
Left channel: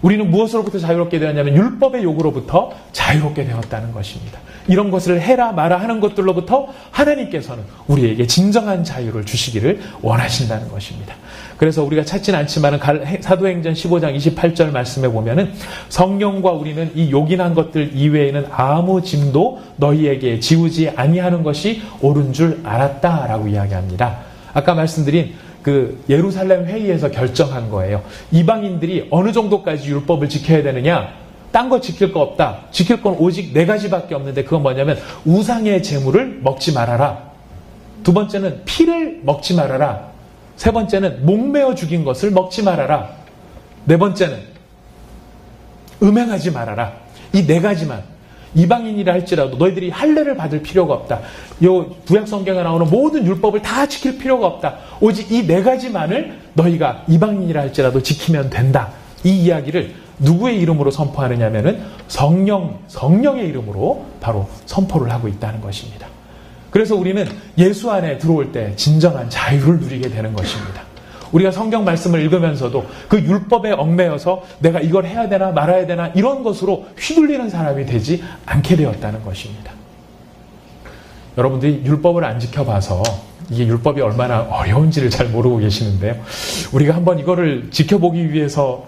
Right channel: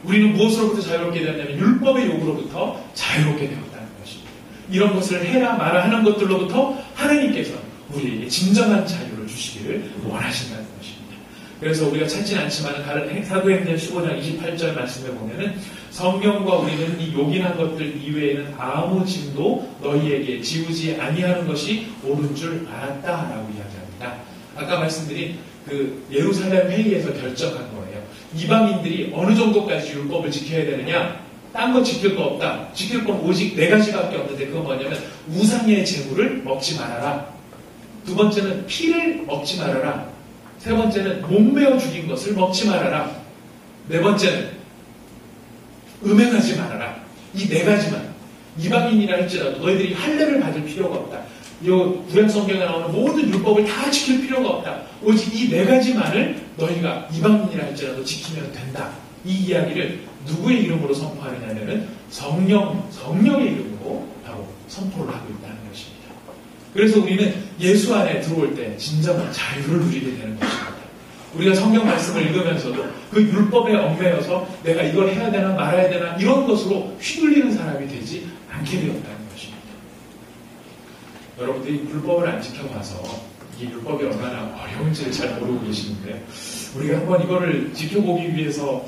우리는 무엇으로부터 자유롭게 되었냐면 율법의 요구로부터 자유롭게 되었다는 것입니다. 이런 것을 해라 마라 하는 것들로부터 하나님께서는 우리에게 진정한 자유를 주시기를 원하신다는 것입니다. 그래서 우리가 찾지는 않지만 사도행전 15장 28절 말씀에 보면은 성령과 우리는 이 요긴한 것들 이외에는 아무 짐도 너희에게 지우지 아니하는 것이 옳은 줄 알았다라고 이야기합니다. 아까 말씀드린 그 예루살렘 회의에서 결정한 거예요. 이방인들이 어느 정도까지 율법을 지켜야 되느냐? 딴 거 지킬 거 없다. 지킬 건 오직 4가지밖에 없는데 그건 뭐냐면 우상의 제물을 먹지 말아라. 두 번째는 피를 먹지 말아라. 세 번째는 목매어 죽인 것을 먹지 말아라. 네 번째는 음행하지 말아라. 이 4가지만 이방인이라 할지라도 너희들이 할례를 받을 필요가 없다. 요 구약 성경에 나오는 모든 율법을 다 지킬 필요가 없다. 오직 이 4가지만을 너희가 이방인이라 할지라도 지키면 된다. 이 이야기를 누구의 이름으로 선포하느냐면은 성령의 이름으로 바로 선포를 하고 있다는 것입니다. 그래서 우리는 예수 안에 들어올 때 진정한 자유를 누리게 되는 것입니다. 우리가 성경 말씀을 읽으면서도 그 율법에 얽매여서 내가 이걸 해야 되나 말아야 되나 이런 것으로 휘둘리는 사람이 되지 않게 되었다는 것입니다. 여러분들이 율법을 안 지켜봐서 이게 율법이 얼마나 어려운지를 잘 모르고 계시는데요. 우리가 한번 이거를 지켜보기 위해서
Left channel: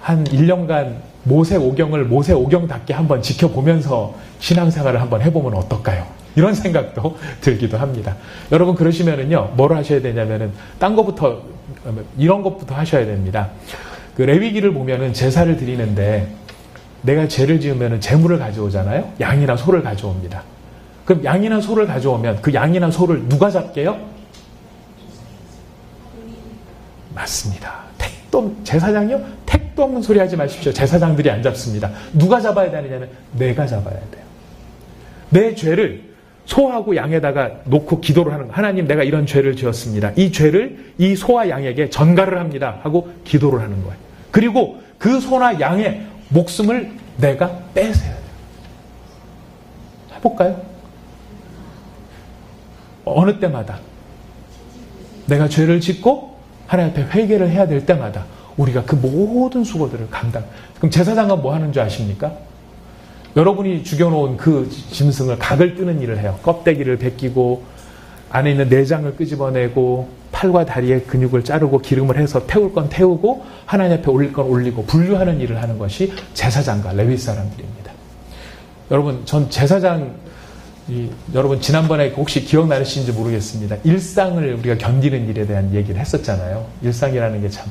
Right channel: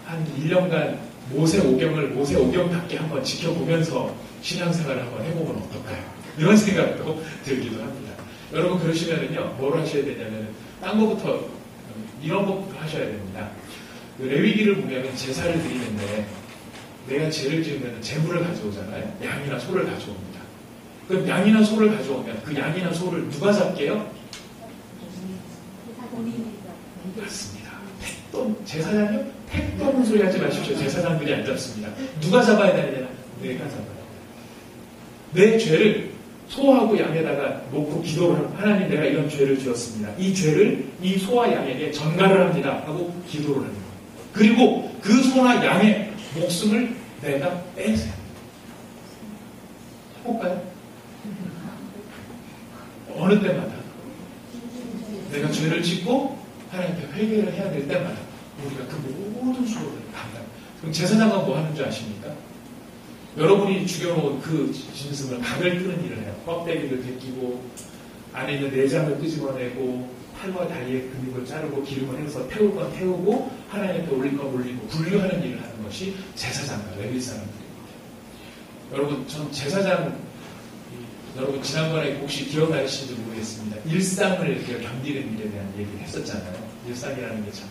한 1년간 모세 오경답게 한번 지켜보면서 신앙생활을 한번 해보면 어떨까요? 이런 생각도 들기도 합니다. 여러분 그러시면은요, 뭘 하셔야 되냐면은 딴 것부터 이런 것부터 하셔야 됩니다. 그 레위기를 보면은 제사를 드리는데 내가 죄를 지으면은 제물을 가져오잖아요. 양이나 소를 가져옵니다. 그럼 양이나 소를 가져오면 그 양이나 소를 누가 잡게요? 맞습니다. 제사장이요? 택동 소리 하지 마십시오. 제사장들이 안 잡습니다. 누가 잡아야 되느냐면 내가 잡아야 돼요. 내 죄를 소하고 양에다가 놓고 기도를 하는, 하나님 내가 이런 죄를 지었습니다. 이 죄를 이 소와 양에게 전가를 합니다 하고 기도를 하는 거예요. 그리고 그 소나 양의 목숨을 내가 뺏어야 돼요. 해볼까요? 어느 때마다 내가 죄를 짓고 하나님 앞에 회개를 해야 될 때마다 우리가 그 모든 수고들을 감당. 그럼 제사장은 뭐 하는 줄 아십니까? 여러분이 죽여놓은 그 짐승을 각을 끄는 일을 해요. 껍데기를 벗기고 안에 있는 내장을 끄집어내고 팔과 다리의 근육을 자르고 기름을 해서 태울 건 태우고 하나님 앞에 올릴 건 올리고 분류하는 일을 하는 것이 제사장과 레위 사람들입니다. 여러분 전 제사장 여러분 지난번에 혹시 기억나시는지 모르겠습니다. 일상을 우리가 견디는 일에 대한 얘기를 했었잖아요. 일상이라는 게 참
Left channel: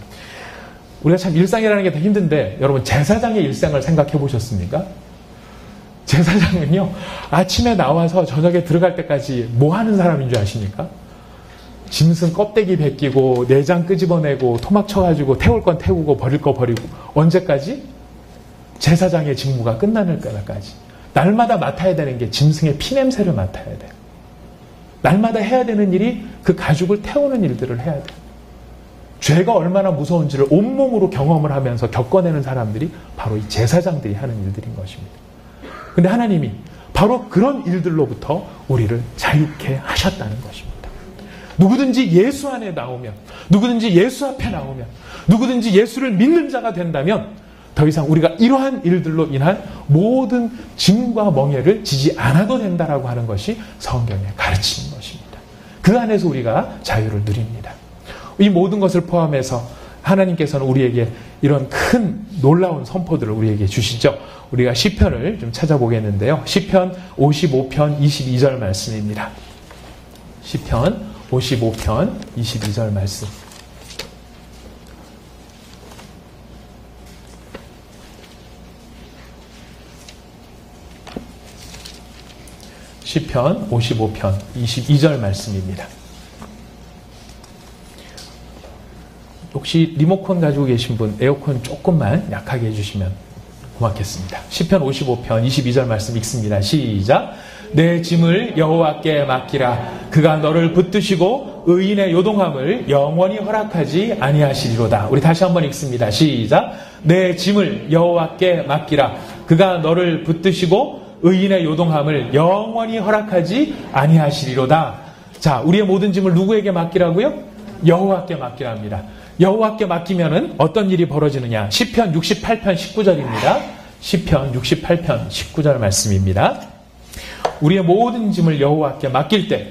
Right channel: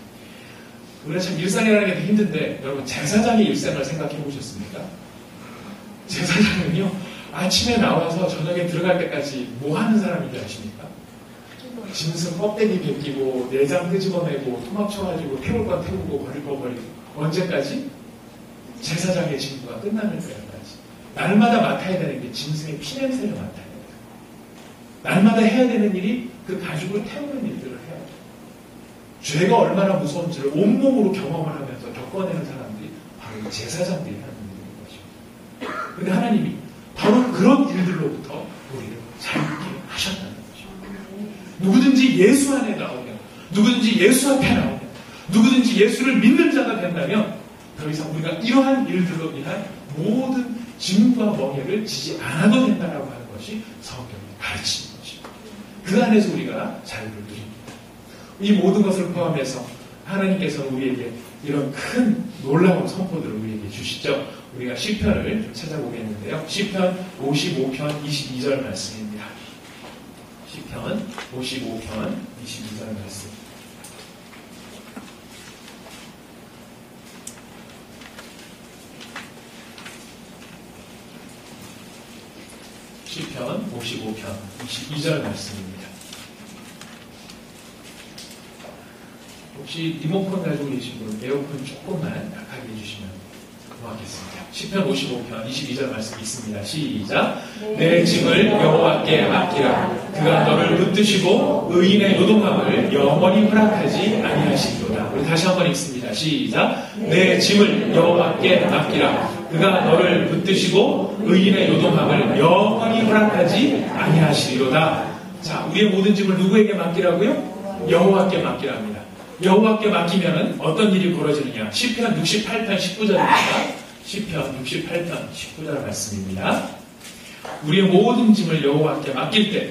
우리가 참 일상이라는 게 되게 힘든데 여러분 제사장의 일상을 생각해 보셨습니까? 제사장은요, 아침에 나와서 저녁에 들어갈 때까지 뭐 하는 사람인 줄 아십니까? 짐승 껍데기 벗기고 내장 끄집어내고 토막 쳐가지고 태울 건 태우고 버릴 거 버리고, 언제까지? 제사장의 직무가 끝나는 때까지. 날마다 맡아야 되는 게 짐승의 피냄새를 맡아야 돼요. 날마다 해야 되는 일이 그 가죽을 태우는 일들을 해야 돼요. 죄가 얼마나 무서운지를 온몸으로 경험을 하면서 겪어내는 사람들이 바로 이 제사장들이 하는 일들인 것입니다. 근데 하나님이 바로 그런 일들로부터 우리를 자유케 하셨다는 것입니다. 누구든지 예수 안에 나오면, 누구든지 예수 앞에 나오면, 누구든지 예수를 믿는 자가 된다면 더 이상 우리가 이러한 일들로 인한 모든 짐과 멍에를 지지 않아도 된다라고 하는 것이 성경의 가르치는 것입니다. 그 안에서 우리가 자유를 누립니다. 이 모든 것을 포함해서 하나님께서는 우리에게 이런 큰 놀라운 선포들을 우리에게 주시죠. 우리가 시편을 좀 찾아보겠는데요. 시편 55편 22절 말씀입니다. 시편 55편 22절 말씀. 시편 55편 22절 말씀입니다. 혹시 리모컨 가지고 계신 분 에어컨 조금만 약하게 해주시면 고맙겠습니다. 시편 55편 22절 말씀 읽습니다. 시작. 내 짐을 여호와께 맡기라. 그가 너를 붙드시고 의인의 요동함을 영원히 허락하지 아니하시리로다. 우리 다시 한번 읽습니다. 시작. 내 짐을 여호와께 맡기라. 그가 너를 붙드시고 의인의 요동함을 영원히 허락하지 아니하시리로다. 자, 우리의 모든 짐을 누구에게 맡기라고요? 여호와께 맡기랍니다. 여호와께 맡기면은 어떤 일이 벌어지느냐? 시편 68편 19절입니다. 시편 68편 19절 말씀입니다. 우리의 모든 짐을 여호와께 맡길 때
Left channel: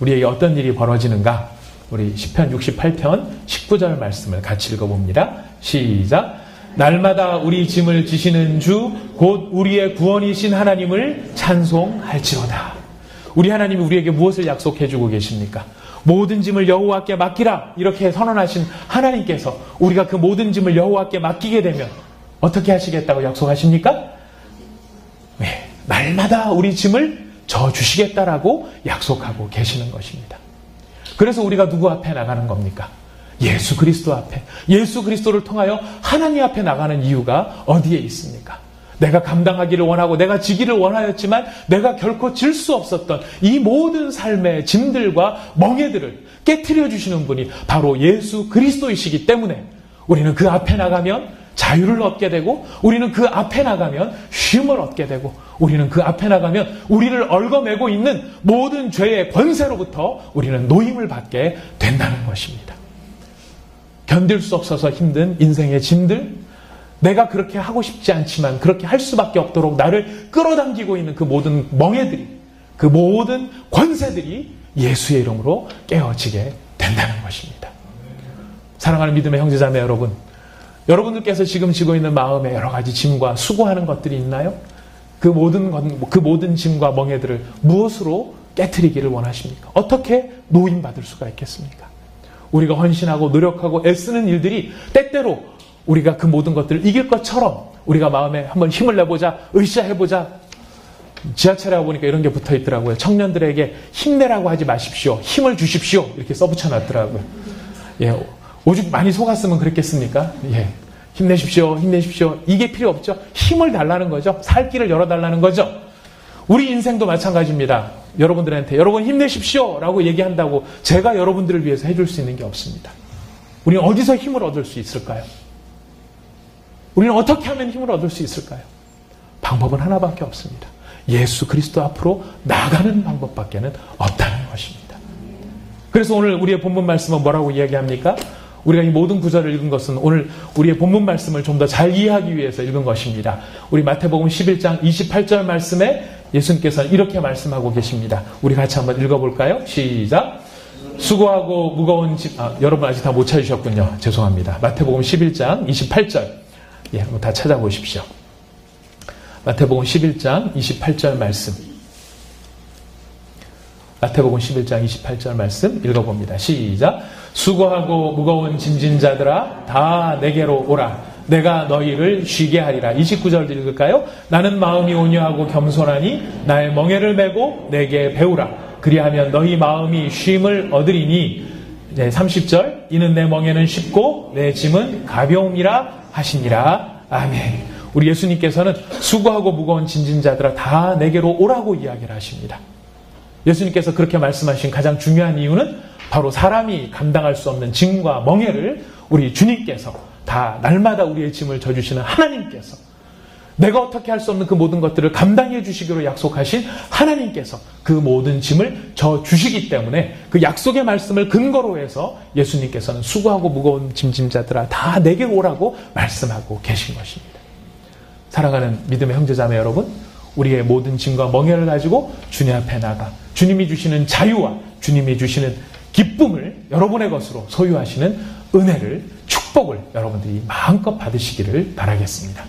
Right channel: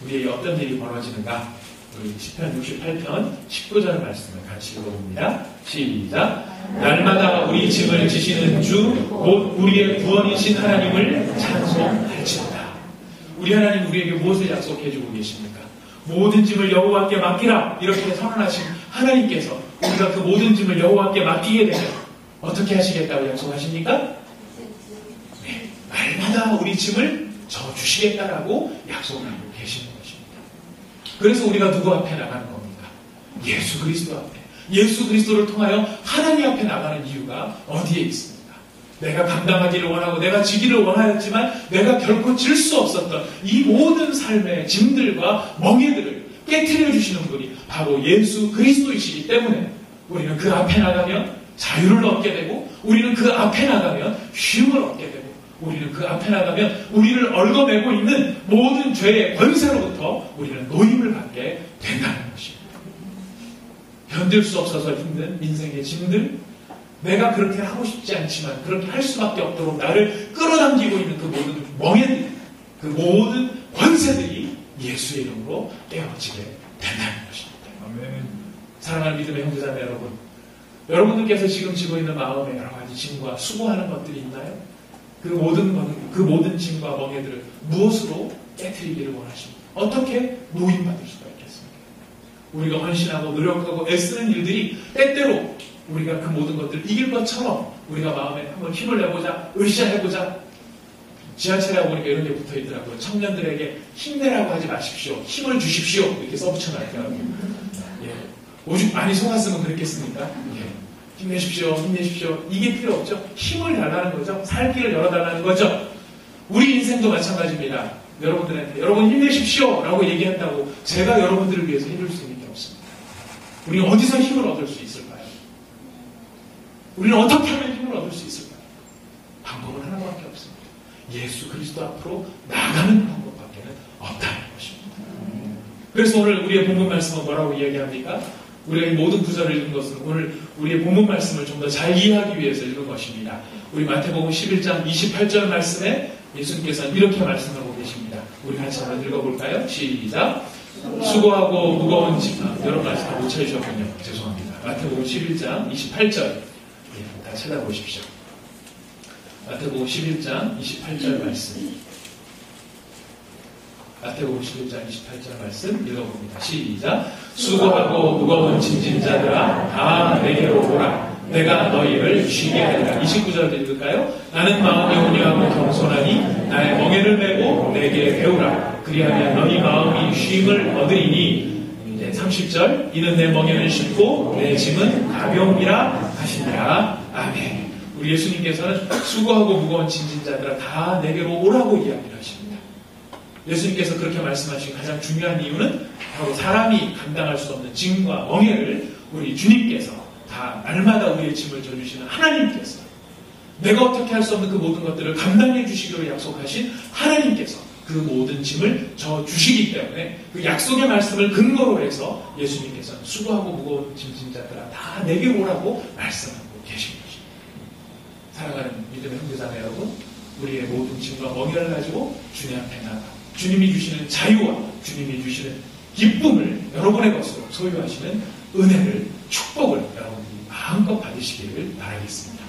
우리에게 어떤 일이 벌어지는가? 우리 시편 68편 19절 말씀을 같이 읽어봅니다. 시작. 날마다 우리 짐을 지시는 주 곧 우리의 구원이신 하나님을 찬송할지로다. 우리 하나님 우리에게 무엇을 약속해주고 계십니까? 모든 짐을 여호와께 맡기라 이렇게 선언하신 하나님께서 우리가 그 모든 짐을 여호와께 맡기게 되면 어떻게 하시겠다고 약속하십니까? 네, 날마다 우리 짐을 져주시겠다라고 약속하고 계시는 것입니다. 그래서 우리가 누구 앞에 나가는 겁니까? 예수 그리스도 앞에. 예수 그리스도를 통하여 하나님 앞에 나가는 이유가 어디에 있습니까? 내가 감당하기를 원하고 내가 지기를 원하였지만 내가 결코 질 수 없었던 이 모든 삶의 짐들과 멍에들을 깨트려 주시는 분이 바로 예수 그리스도이시기 때문에 우리는 그 앞에 나가면 자유를 얻게 되고, 우리는 그 앞에 나가면 쉼을 얻게 되고, 우리는 그 앞에 나가면 우리를 얽어매고 있는 모든 죄의 권세로부터 우리는 노임을 받게 된다는 것입니다. 견딜 수 없어서 힘든 인생의 짐들, 내가 그렇게 하고 싶지 않지만 그렇게 할 수밖에 없도록 나를 끌어당기고 있는 그 모든 멍에들이, 그 모든 권세들이 예수의 이름으로 깨어지게 된다는 것입니다. 사랑하는 믿음의 형제자매 여러분, 여러분들께서 지금 지고 있는 마음에 여러 가지 짐과 수고하는 것들이 있나요? 그 모든 짐과 멍에들을 무엇으로 깨트리기를 원하십니까? 어떻게 노임받을 수가 있겠습니까? 우리가 헌신하고 노력하고 애쓰는 일들이 때때로 우리가 그 모든 것들을 이길 것처럼 우리가 마음에 한번 힘을 내보자, 으쌰해보자. 지하철에 보니까 이런 게 붙어 있더라고요. 청년들에게 힘내라고 하지 마십시오. 힘을 주십시오. 이렇게 써붙여 놨더라고요. 예, 오죽 많이 속았으면 그랬겠습니까? 예, 힘내십시오. 힘내십시오. 이게 필요 없죠. 힘을 달라는 거죠. 살 길을 열어달라는 거죠. 우리 인생도 마찬가지입니다. 여러분들한테 여러분 힘내십시오 라고 얘기한다고 제가 여러분들을 위해서 해줄 수 있는 게 없습니다. 우리는 어디서 힘을 얻을 수 있을까요? 우리는 어떻게 하면 힘을 얻을 수 있을까요? 방법은 하나밖에 없습니다. 예수 그리스도 앞으로 나가는 방법밖에는 없다는 것입니다. 그래서 오늘 우리의 본문 말씀은 뭐라고 이야기합니까? 우리가 이 모든 구절을 읽은 것은 오늘 우리의 본문 말씀을 좀 더 잘 이해하기 위해서 읽은 것입니다. 우리 마태복음 11장 28절 말씀에 예수님께서는 이렇게 말씀하고 계십니다. 우리 같이 한번 읽어볼까요? 시작. 수고하고 무거운 짐, 여러분 아직 다 못 찾으셨군요. 죄송합니다. 마태복음 11장 28절. 예, 한번 다 찾아보십시오. 마태복음 11장 28절 말씀. 마태복음 11장 28절 말씀 읽어봅니다. 시작. 수고하고 무거운 짐진 자들아 다 내게로 오라. 내가 너희를 쉬게 하리라. 29절 읽을까요? 나는 마음이 온유하고 겸손하니 나의 멍에를 메고 내게 배우라. 그리하면 너희 마음이 쉼을 얻으리니. 네, 30절 이는 내 멍에는 쉽고 내 짐은 가벼우니라 하시니라. 아멘. 우리 예수님께서는 수고하고 무거운 짐진 자들아 다 내게로 오라고 이야기를 하십니다. 예수님께서 그렇게 말씀하신 가장 중요한 이유는 바로 사람이 감당할 수 없는 짐과 멍에를 우리 주님께서 다 날마다 우리의 짐을 져주시는 하나님께서, 내가 어떻게 할 수 없는 그 모든 것들을 감당해 주시기로 약속하신 하나님께서 그 모든 짐을 져주시기 때문에 그 약속의 말씀을 근거로 해서 예수님께서는 수고하고 무거운 짐진 자들아 다 내게 오라고 말씀하고 계신 것입니다. 사랑하는 믿음의 형제자매 여러분, 우리의 모든 짐과 멍에를 가지고 주님 앞에 나가 주님이 주시는 자유와 주님이 주시는 기쁨을 여러분의 것으로 소유하시는 은혜를, 축복을 여러분들이 마음껏 받으시기를 바라겠습니다.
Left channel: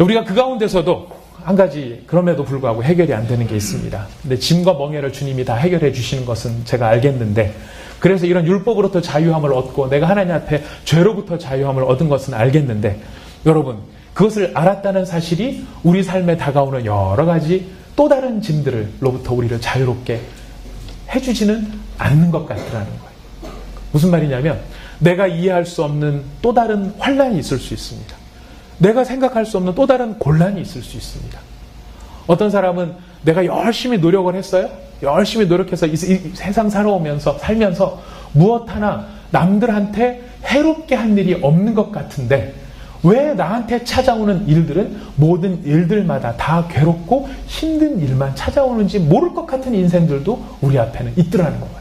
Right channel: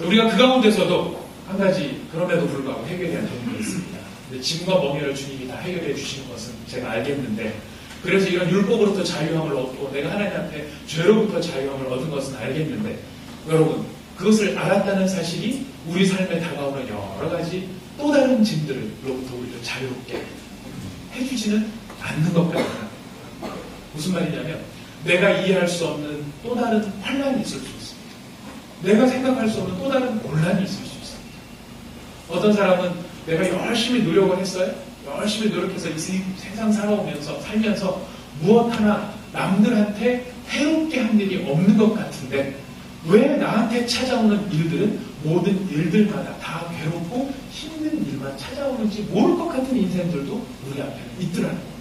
우리가 그 가운데서도 한 가지 그럼에도 불구하고 해결이 안 되는 게 있습니다. 근데 짐과 멍에를 주님이 다 해결해 주시는 것은 제가 알겠는데, 그래서 이런 율법으로부터 자유함을 얻고 내가 하나님 앞에 죄로부터 자유함을 얻은 것은 알겠는데, 여러분 그것을 알았다는 사실이 우리 삶에 다가오는 여러 가지 또 다른 짐들로부터 우리를 자유롭게 해주지는 않는 것 같다는 거예요. 무슨 말이냐면 내가 이해할 수 없는 또 다른 환난이 있을 수 있습니다. 내가 생각할 수 없는 또 다른 곤란이 있을 수 있습니다. 어떤 사람은 내가 열심히 노력을 했어요. 열심히 노력해서 이 세상 살면서 무엇 하나 남들한테 해롭게 한 일이 없는 것 같은데 왜 나한테 찾아오는 일들은 모든 일들마다 다 괴롭고 힘든 일만 찾아오는지 모를 것 같은 인생들도 우리 앞에는 있더라는 거예요.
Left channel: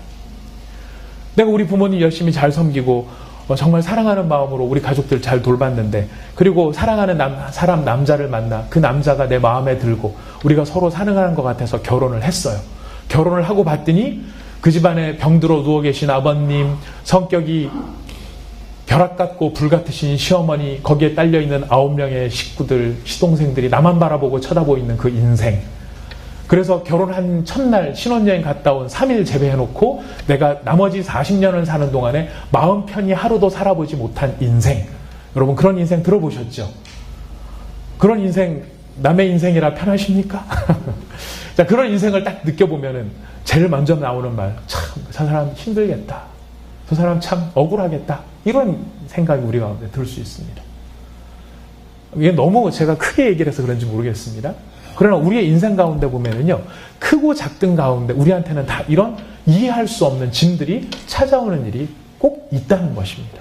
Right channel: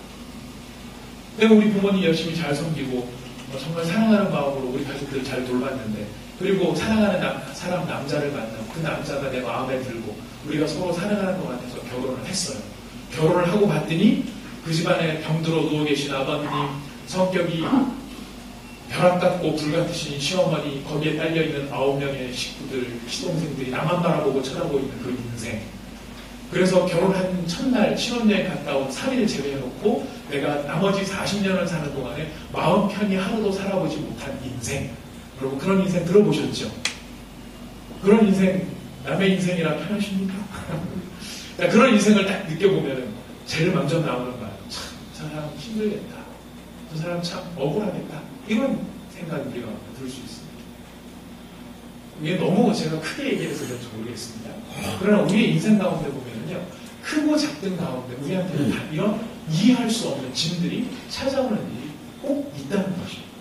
내가 우리 부모님 열심히 잘 섬기고 정말 사랑하는 마음으로 우리 가족들 잘 돌봤는데, 그리고 사랑하는 남자를 만나 그 남자가 내 마음에 들고 우리가 서로 사랑하는 것 같아서 결혼을 했어요. 결혼을 하고 봤더니 그 집안에 병들어 누워 계신 아버님, 성격이 벼락 같고 불같으신 시어머니, 거기에 딸려있는 9명의 식구들, 시동생들이 나만 바라보고 쳐다보이는 그 인생. 그래서 결혼한 첫날 신혼여행 갔다 온 3일 제외해놓고 내가 나머지 40년을 사는 동안에 마음 편히 하루도 살아보지 못한 인생. 여러분 그런 인생 들어보셨죠? 그런 인생 남의 인생이라 편하십니까? 자, 그런 인생을 딱 느껴보면은 제일 먼저 나오는 말, 참, 저 사람 힘들겠다. 저 사람 참 억울하겠다. 이런 생각이 우리 가운데 들 수 있습니다. 이게 너무 제가 크게 얘기를 해서 그런지 모르겠습니다. 그러나 우리의 인생 가운데 보면은요, 크고 작든 가운데 우리한테는 다 이런 이해할 수 없는 짐들이 찾아오는 일이 꼭 있다는 것입니다.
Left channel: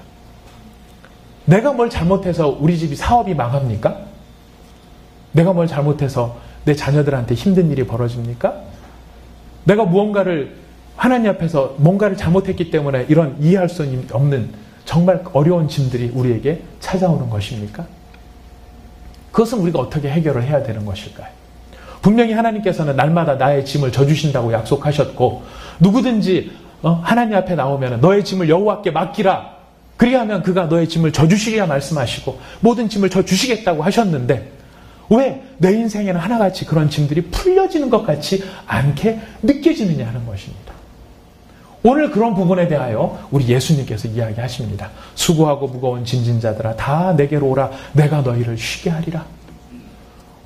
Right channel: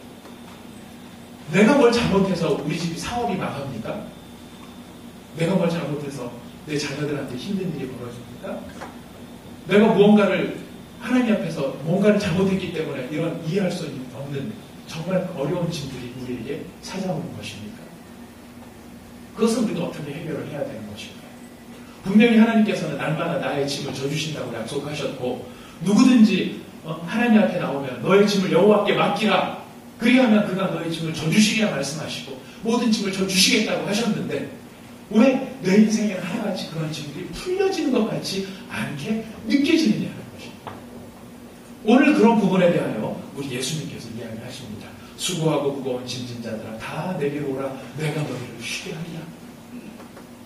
내가 뭘 잘못해서 우리 집이 사업이 망합니까? 내가 뭘 잘못해서 내 자녀들한테 힘든 일이 벌어집니까? 내가 무언가를 하나님 앞에서 뭔가를 잘못했기 때문에 이런 이해할 수 없는 정말 어려운 짐들이 우리에게 찾아오는 것입니까? 그것은 우리가 어떻게 해결을 해야 되는 것일까요? 분명히 하나님께서는 날마다 나의 짐을 져주신다고 약속하셨고, 누구든지 하나님 앞에 나오면 너의 짐을 여호와께 맡기라. 그리하면 그가 너의 짐을 져주시리라 말씀하시고 모든 짐을 져주시겠다고 하셨는데, 왜 내 인생에는 하나같이 그런 짐들이 풀려지는 것 같이 않게 느껴지느냐 하는 것입니다. 오늘 그런 부분에 대하여 우리 예수님께서 이야기하십니다. 수고하고 무거운 짐진 자들아 다 내게로 오라. 내가 너희를 쉬게 하리라.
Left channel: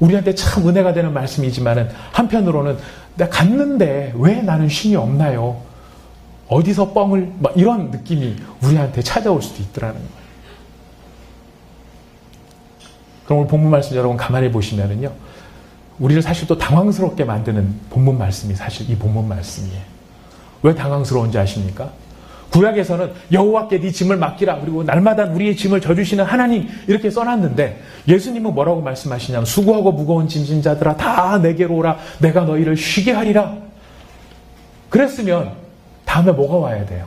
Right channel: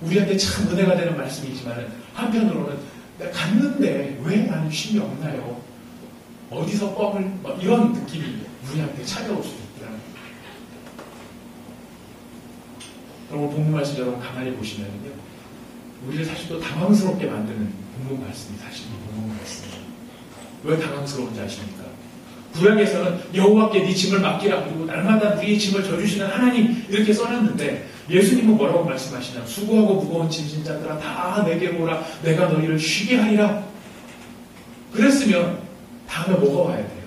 우리한테 참 은혜가 되는 말씀이지만 한편으로는 내가 갔는데 왜 나는 쉼이 없나요? 어디서 뻥을 이런 느낌이 우리한테 찾아올 수도 있더라는 거예요. 그럼 오늘 본문 말씀 여러분 가만히 보시면은요, 우리를 사실 또 당황스럽게 만드는 본문 말씀이 사실 이 본문 말씀이에요. 왜 당황스러운지 아십니까? 구약에서는 여호와께 네 짐을 맡기라, 그리고 날마다 우리의 짐을 져주시는 하나님 이렇게 써놨는데, 예수님은 뭐라고 말씀하시냐면 수고하고 무거운 짐진 자들아 다 내게로 오라. 내가 너희를 쉬게 하리라. 그랬으면 다음에 뭐가 와야 돼요?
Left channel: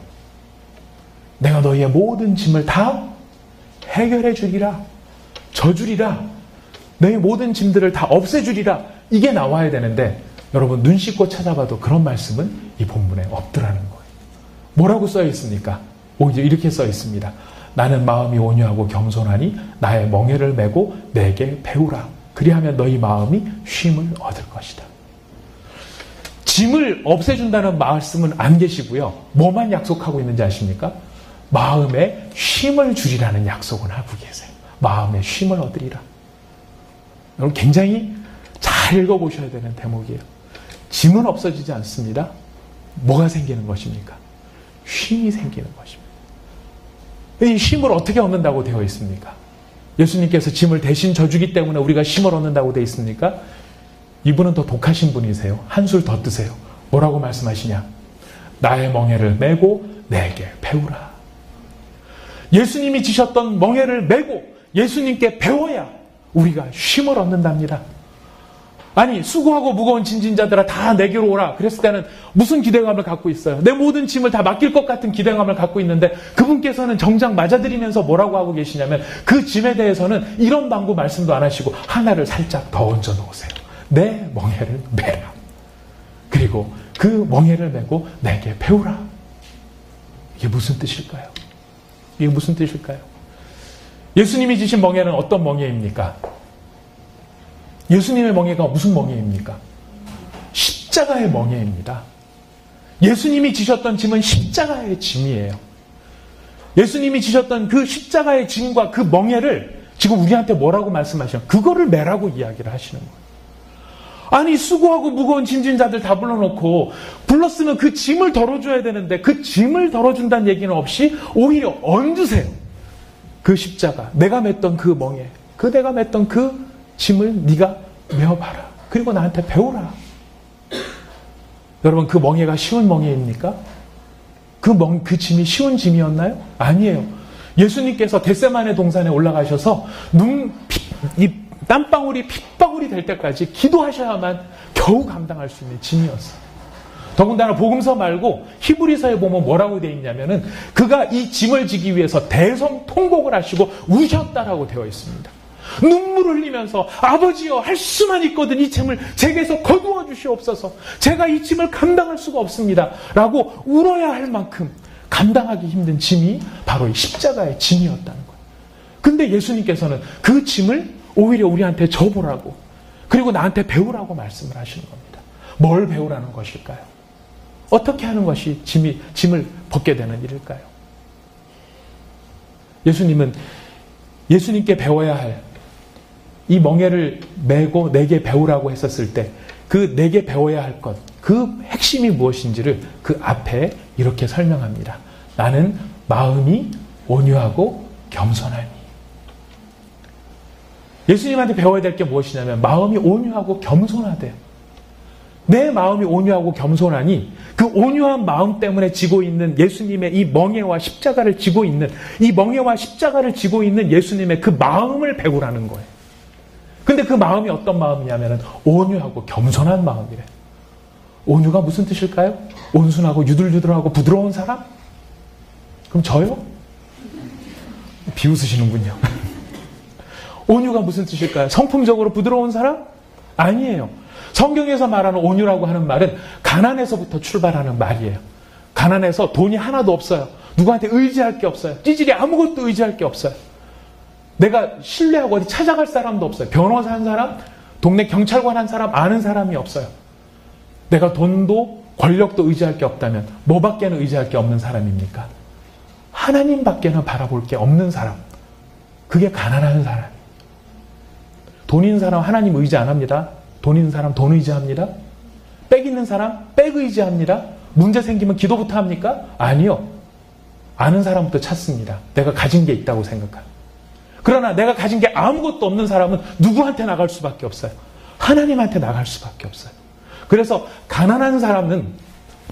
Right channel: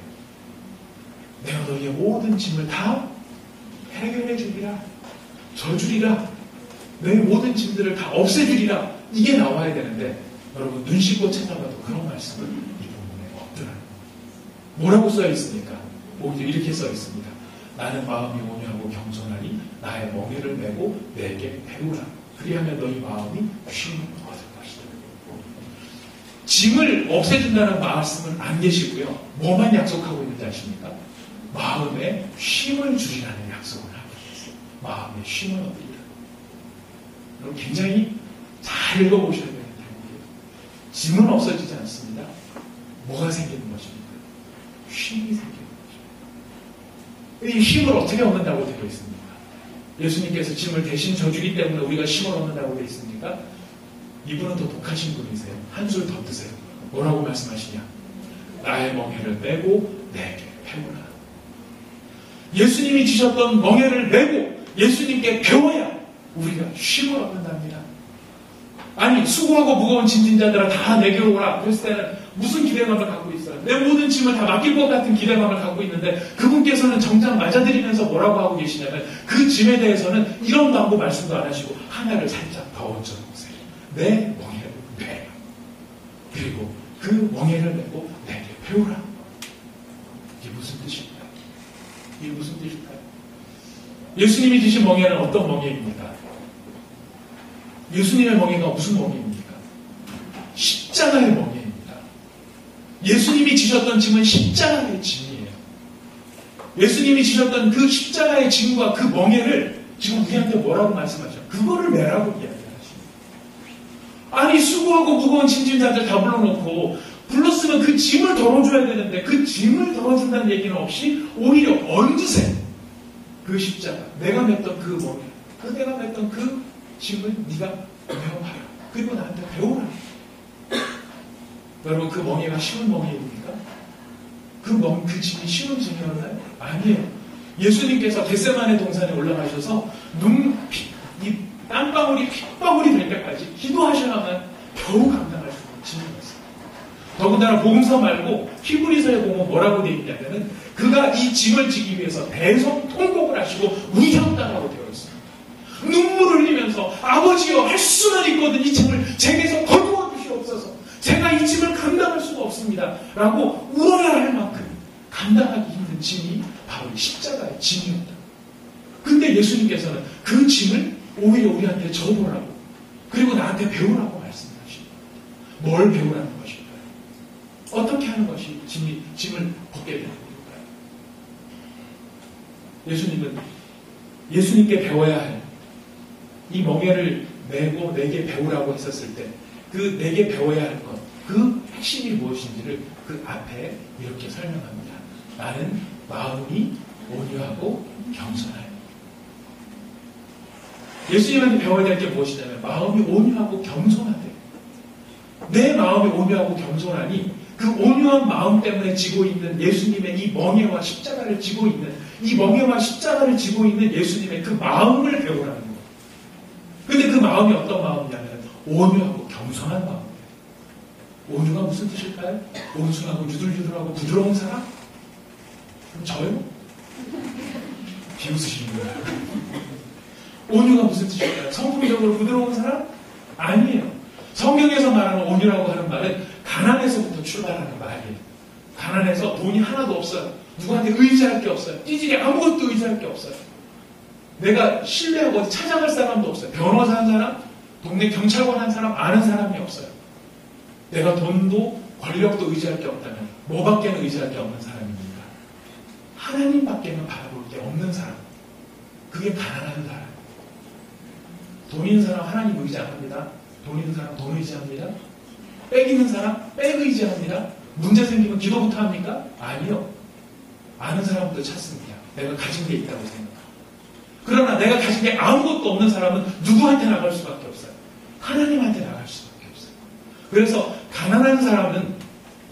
내가 너희의 모든 짐을 다 해결해 주리라, 져주리라, 너희 모든 짐들을 다 없애주리라, 이게 나와야 되는데 여러분 눈 씻고 찾아봐도 그런 말씀은 이 본문에 없더라는 거예요. 뭐라고 써 있습니까? 오히려 이렇게 써 있습니다. 나는 마음이 온유하고 겸손하니 나의 멍에를 메고 내게 배우라. 그리하면 너희 마음이 쉼을 얻을 것이다. 짐을 없애준다는 말씀은 안 계시고요. 뭐만 약속하고 있는지 아십니까? 마음에 쉼을 주리라는 약속을 하고 계세요. 마음의 쉼을 얻으리라. 여러분 굉장히 잘 읽어보셔야 되는 대목이에요. 짐은 없어지지 않습니다. 뭐가 생기는 것입니까? 쉼이 생기는 것입니다. 이 쉼을 어떻게 얻는다고 되어 있습니까? 예수님께서 짐을 대신 져주기 때문에 우리가 쉼을 얻는다고 되어 있습니까? 이분은 더 독하신 분이세요. 한술 더 뜨세요. 뭐라고 말씀하시냐? 나의 멍에를 메고 내게 배우라. 예수님이 지셨던 멍에를 메고 예수님께 배워야 우리가 쉼을 얻는답니다. 아니 수고하고 무거운 짐진자들아 다 내게 오라. 그랬을 때는 무슨 기대감을 갖고 있어요? 내 모든 짐을 다 맡길 것 같은 기대감을 갖고 있는데 그분께서는 정작 맞아들이면서 뭐라고 하고 계시냐면 그 짐에 대해서는 이런 방구 말씀도 안 하시고 하나를 살짝 더 얹어 놓으세요. 내 멍에를 메라. 그리고 그 멍에를 메고 내게 배우라. 이게 무슨 뜻일까요? 이게 무슨 뜻일까요? 예수님이 지신 멍에는 어떤 멍에입니까? 예수님의 멍에가 무슨 멍에입니까? 십자가의 멍에입니다. 예수님이 지셨던 짐은 십자가의 짐이에요. 예수님이 지셨던 그 십자가의 짐과 그 멍에를 지금 우리한테 뭐라고 말씀하시냐? 그거를 메라고 이야기를 하시는 거예요. 아니 수고하고 무거운 짐진자들 다 불러놓고 불렀으면 그 짐을 덜어줘야 되는데 그 짐을 덜어준다는 얘기는 없이 오히려 얹으세요. 그 십자가, 내가 맸던 그 멍에, 내가 맸던 그 짐을 네가 메어봐라. 그리고 나한테 배우라. 여러분 그 멍에가 쉬운 멍에입니까? 그 짐이 쉬운 짐이었나요? 아니에요. 예수님께서 겟세마네 동산에 올라가셔서 이 땀방울이 핏방울이 될 때까지 기도하셔야만 겨우 감당할 수 있는 짐이었어요. 더군다나 복음서 말고 히브리서에 보면 뭐라고 되어 있냐면은 그가 이 짐을 지기 위해서 대성통곡을 하시고 우셨다라고 되어 있습니다. 눈물을 흘리면서 아버지여 할 수만 있거든 이 짐을 제게서 거두어 주시옵소서. 제가 이 짐을 감당할 수가 없습니다. 라고 울어야 할 만큼 감당하기 힘든 짐이 바로 이 십자가의 짐이었다는 거예요. 근데 예수님께서는 그 짐을 오히려 우리한테 줘보라고 그리고 나한테 배우라고 말씀을 하시는 겁니다. 뭘 배우라는 것일까요? 어떻게 하는 것이 짐을 벗게 되는 일일까요? 예수님은 예수님께 배워야 할 이 멍에를 메고 내게 배우라고 했었을 때 그 내게 배워야 할 것, 그 핵심이 무엇인지를 그 앞에 이렇게 설명합니다. 나는 마음이 온유하고 겸손하니. 예수님한테 배워야 될 게 무엇이냐면 마음이 온유하고 겸손하대. 내 마음이 온유하고 겸손하니 그 온유한 마음 때문에 지고 있는 예수님의 이 멍에와 십자가를 지고 있는 이 멍에와 십자가를 지고 있는 예수님의 그 마음을 배우라는 거예요. 근데 그 마음이 어떤 마음이냐면 온유하고 겸손한 마음이래. 온유가 무슨 뜻일까요? 온순하고 유들유들하고 부드러운 사람? 그럼 저요? 비웃으시는군요. 온유가 무슨 뜻일까요? 성품적으로 부드러운 사람? 아니에요. 성경에서 말하는 온유라고 하는 말은 가난에서부터 출발하는 말이에요. 가난해서 돈이 하나도 없어요. 누구한테 의지할 게 없어요. 찌질이 아무것도 의지할 게 없어요. 내가 신뢰하고 어디 찾아갈 사람도 없어요. 변호사 한 사람, 동네 경찰관 한 사람, 아는 사람이 없어요. 내가 돈도 권력도 의지할 게 없다면 뭐밖에는 의지할 게 없는 사람입니까? 하나님밖에는 바라볼 게 없는 사람. 그게 가난한 사람. 돈 있는 사람 하나님 의지 안 합니다. 돈 있는 사람 돈 의지합니다. 빽 있는 사람 빽 의지합니다. 문제 생기면 기도부터 합니까? 아니요. 아는 사람부터 찾습니다. 내가 가진 게 있다고 생각합니다. 그러나 내가 가진 게 아무것도 없는 사람은 누구한테 나갈 수밖에 없어요. 하나님한테 나갈 수밖에 없어요. 그래서 가난한 사람은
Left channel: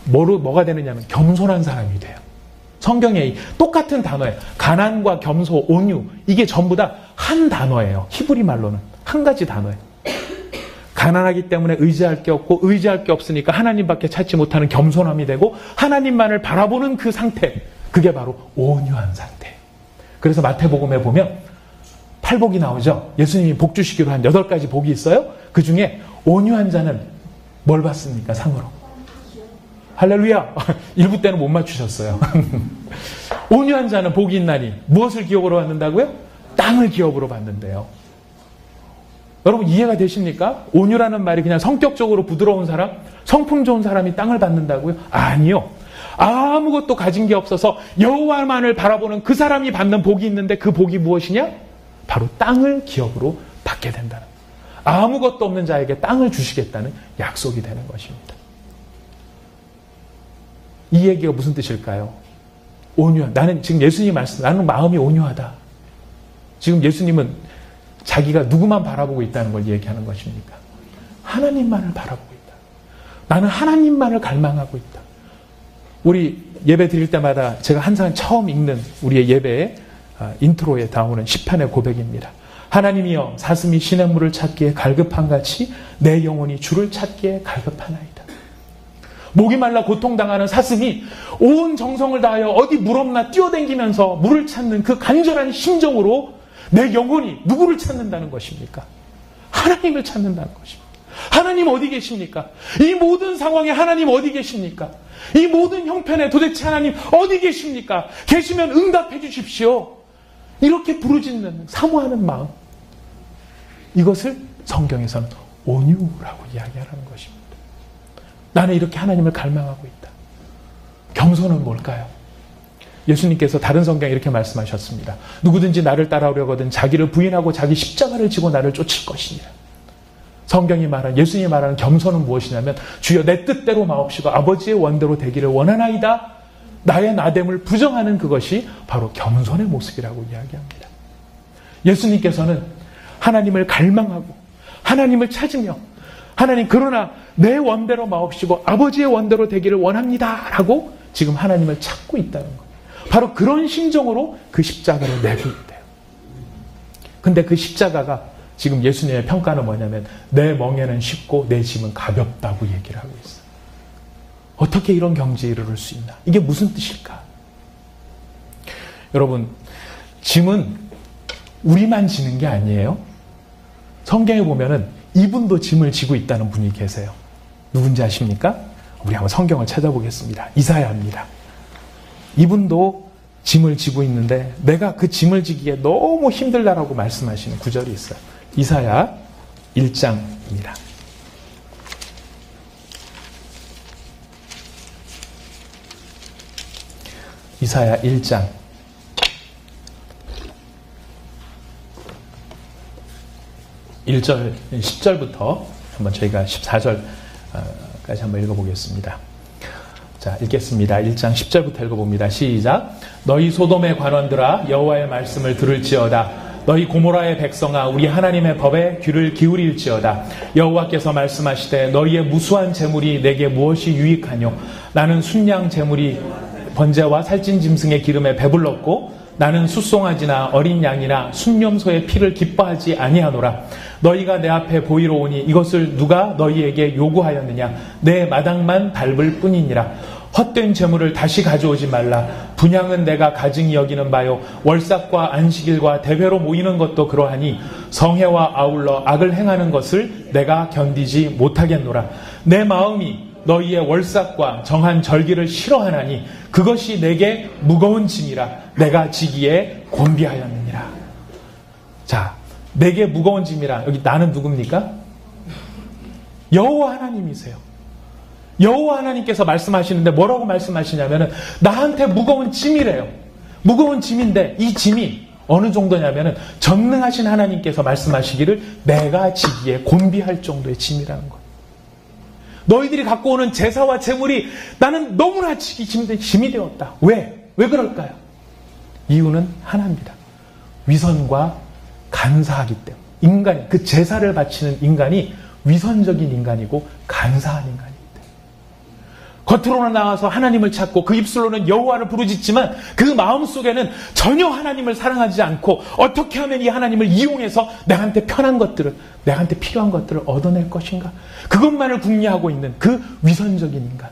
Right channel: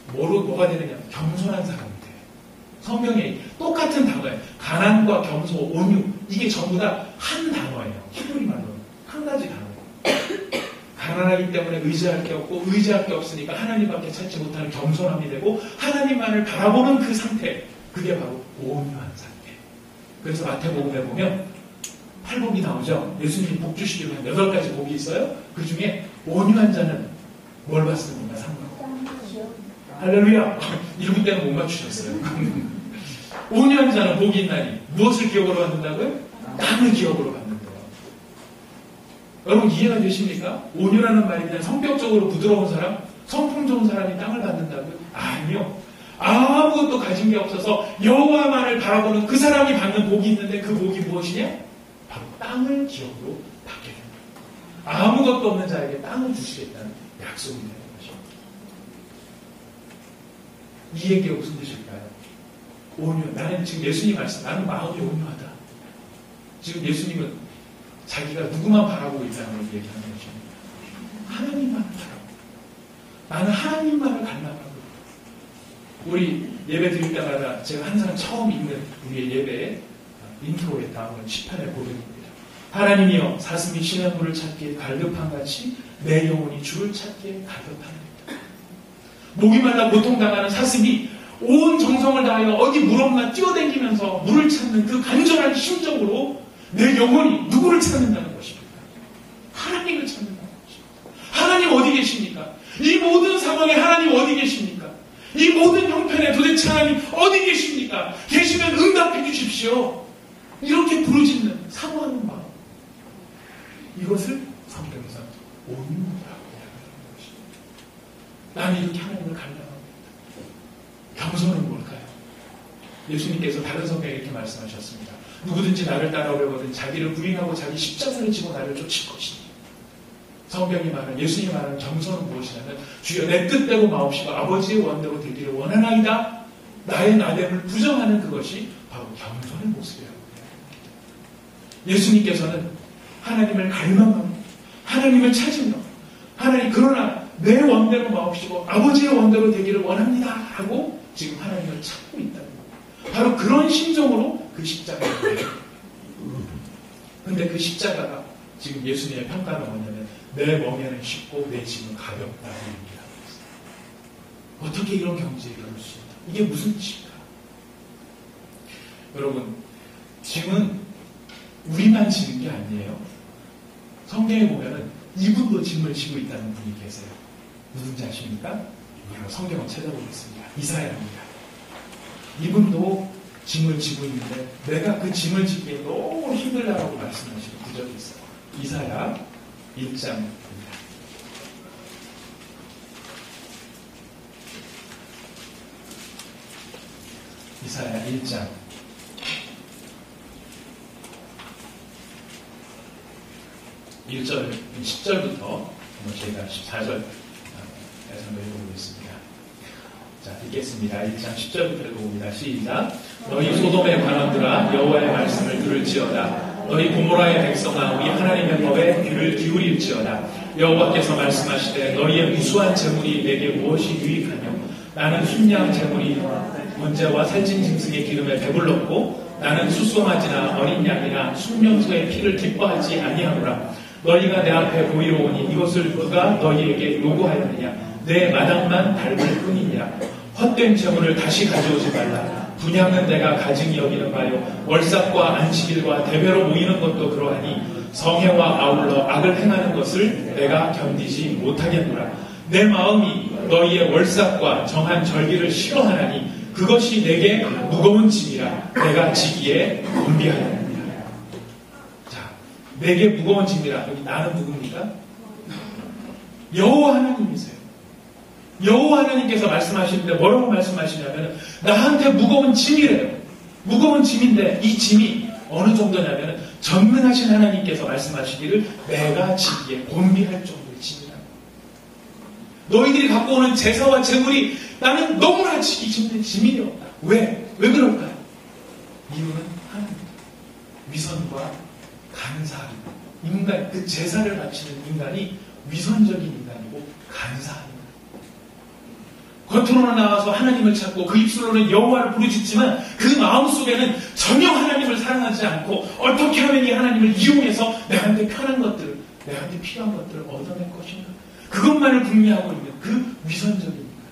뭐가 되느냐면 겸손한 사람이 돼요. 성경에 똑같은 단어예요. 가난과 겸손, 온유 이게 전부 다 한 단어예요. 히브리 말로는 한 가지 단어예요. 가난하기 때문에 의지할 게 없고 의지할 게 없으니까 하나님밖에 찾지 못하는 겸손함이 되고 하나님만을 바라보는 그 상태 그게 바로 온유한 상태. 그래서 마태복음에 보면 8복이 나오죠. 예수님이 복 주시기로 한 8가지 복이 있어요. 그 중에 온유한 자는 뭘 받습니까? 상으로. 할렐루야. 1부 때는 못 맞추셨어요. 온유한 자는 복이 있나니 무엇을 기업으로 받는다고요? 땅을 기업으로 받는데요. 여러분 이해가 되십니까? 온유라는 말이 그냥 성격적으로 부드러운 사람, 성품 좋은 사람이 땅을 받는다고요? 아니요. 아무것도 가진 게 없어서 여호와만을 바라보는 그 사람이 받는 복이 있는데 그 복이 무엇이냐? 바로 땅을 기업으로 받게 된다는 거예요. 아무것도 없는 자에게 땅을 주시겠다는 약속이 되는 것입니다. 이 얘기가 무슨 뜻일까요? 온유하다. 나는 지금 예수님 말씀, 나는 마음이 온유하다. 지금 예수님은 자기가 누구만 바라보고 있다는 걸 얘기하는 것입니까? 하나님만을 바라보고 있다. 나는 하나님만을 갈망하고 있다. 우리 예배 드릴 때마다 제가 항상 처음 읽는 우리의 예배의 인트로에 나오는 시편의 고백입니다. 하나님이여 사슴이 시냇물을 찾기에 갈급한같이 내 영혼이 주를 찾기에 갈급하나이다. 목이 말라 고통당하는 사슴이 온 정성을 다하여 어디 물 없나 뛰어다니면서 물을 찾는 그 간절한 심정으로 내 영혼이 누구를 찾는다는 것입니까? 하나님을 찾는다는 것입니다. 하나님 어디 계십니까? 이 모든 상황에 하나님 어디 계십니까? 이 모든 형편에 도대체 하나님 어디 계십니까? 계시면 응답해 주십시오. 이렇게 부르짖는 사모하는 마음, 이것을 성경에서는 온유라고 이야기하는 것입니다. 나는 이렇게 하나님을 갈망하고 있다. 겸손은 뭘까요? 예수님께서 다른 성경에 이렇게 말씀하셨습니다. 누구든지 나를 따라오려거든 자기를 부인하고 자기 십자가를 지고 나를 쫓을 것이니라. 성경이 말하는, 예수님이 말하는 겸손은 무엇이냐면 주여 내 뜻대로 마옵시고 아버지의 원대로 되기를 원하나이다. 나의 나됨을 부정하는 그것이 바로 겸손의 모습이라고 이야기합니다. 예수님께서는 하나님을 갈망하고 하나님을 찾으며 하나님 그러나 내 원대로 마옵시고 아버지의 원대로 되기를 원합니다 라고 지금 하나님을 찾고 있다는 거예요. 바로 그런 심정으로 그 십자가를 내고 있대요. 근데 그 십자가가 지금 예수님의 평가는 뭐냐면 내 멍에는 쉽고 내 짐은 가볍다고 얘기를 하고 있어요. 어떻게 이런 경지에 이르를 수 있나? 이게 무슨 뜻일까? 여러분, 짐은 우리만 지는 게 아니에요. 성경에 보면은 이분도 짐을 지고 있다는 분이 계세요. 누군지 아십니까? 우리 한번 성경을 찾아보겠습니다. 이사야입니다. 이분도 짐을 지고 있는데 내가 그 짐을 지기에 너무 힘들다라고 말씀하시는 구절이 있어요. 이사야 1장입니다. 이사야 1장 1절, 10절부터 한번 저희가 14절까지 한번 읽어보겠습니다. 자, 읽겠습니다. 1장 10절부터 읽어봅니다. 시작. 너희 소돔의 관원들아 여호와의 말씀을 들을지어다. 너희 고모라의 백성아 우리 하나님의 법에 귀를 기울일지어다. 여호와께서 말씀하시되 너희의 무수한 재물이 내게 무엇이 유익하뇨? 나는 순양 재물이 번제와 살찐 짐승의 기름에 배불렀고 나는 숫송아지나 어린 양이나 순념소의 피를 기뻐하지 아니하노라. 너희가 내 앞에 보이러 오니 이것을 누가 너희에게 요구하였느냐? 내 마당만 밟을 뿐이니라. 헛된 재물을 다시 가져오지 말라. 분향은 내가 가증히 여기는 바요. 월삭과 안식일과 대회로 모이는 것도 그러하니 성회와 아울러 악을 행하는 것을 내가 견디지 못하겠노라. 내 마음이 너희의 월삭과 정한 절기를 싫어하나니 그것이 내게 무거운 짐이라 내가 지기에 곤비하였느니라. 자, 내게 무거운 짐이라. 여기 나는 누굽니까? 여호와 하나님이세요. 여호와 하나님께서 말씀하시는데 뭐라고 말씀하시냐면은 나한테 무거운 짐이래요. 무거운 짐인데 이 짐이 어느 정도냐면은 전능하신 하나님께서 말씀하시기를 내가 지기에 곤비할 정도의 짐이라는 거예요. 너희들이 갖고 오는 제사와 제물이 나는 너무나 지기 힘든 짐이 되었다. 왜? 왜 그럴까요? 이유는 하나입니다. 위선과 간사하기 때문에. 인간, 그 제사를 바치는 인간이 위선적인 인간이고 간사한 인간입니다. 겉으로는 나와서 하나님을 찾고 그 입술로는 여호와를 부르짖지만 그 마음속에는 전혀 하나님을 사랑하지 않고 어떻게 하면 이 하나님을 이용해서 내한테 편한 것들을, 내한테 필요한 것들을 얻어낼 것인가? 그것만을 궁리하고 있는 그 위선적인 인간.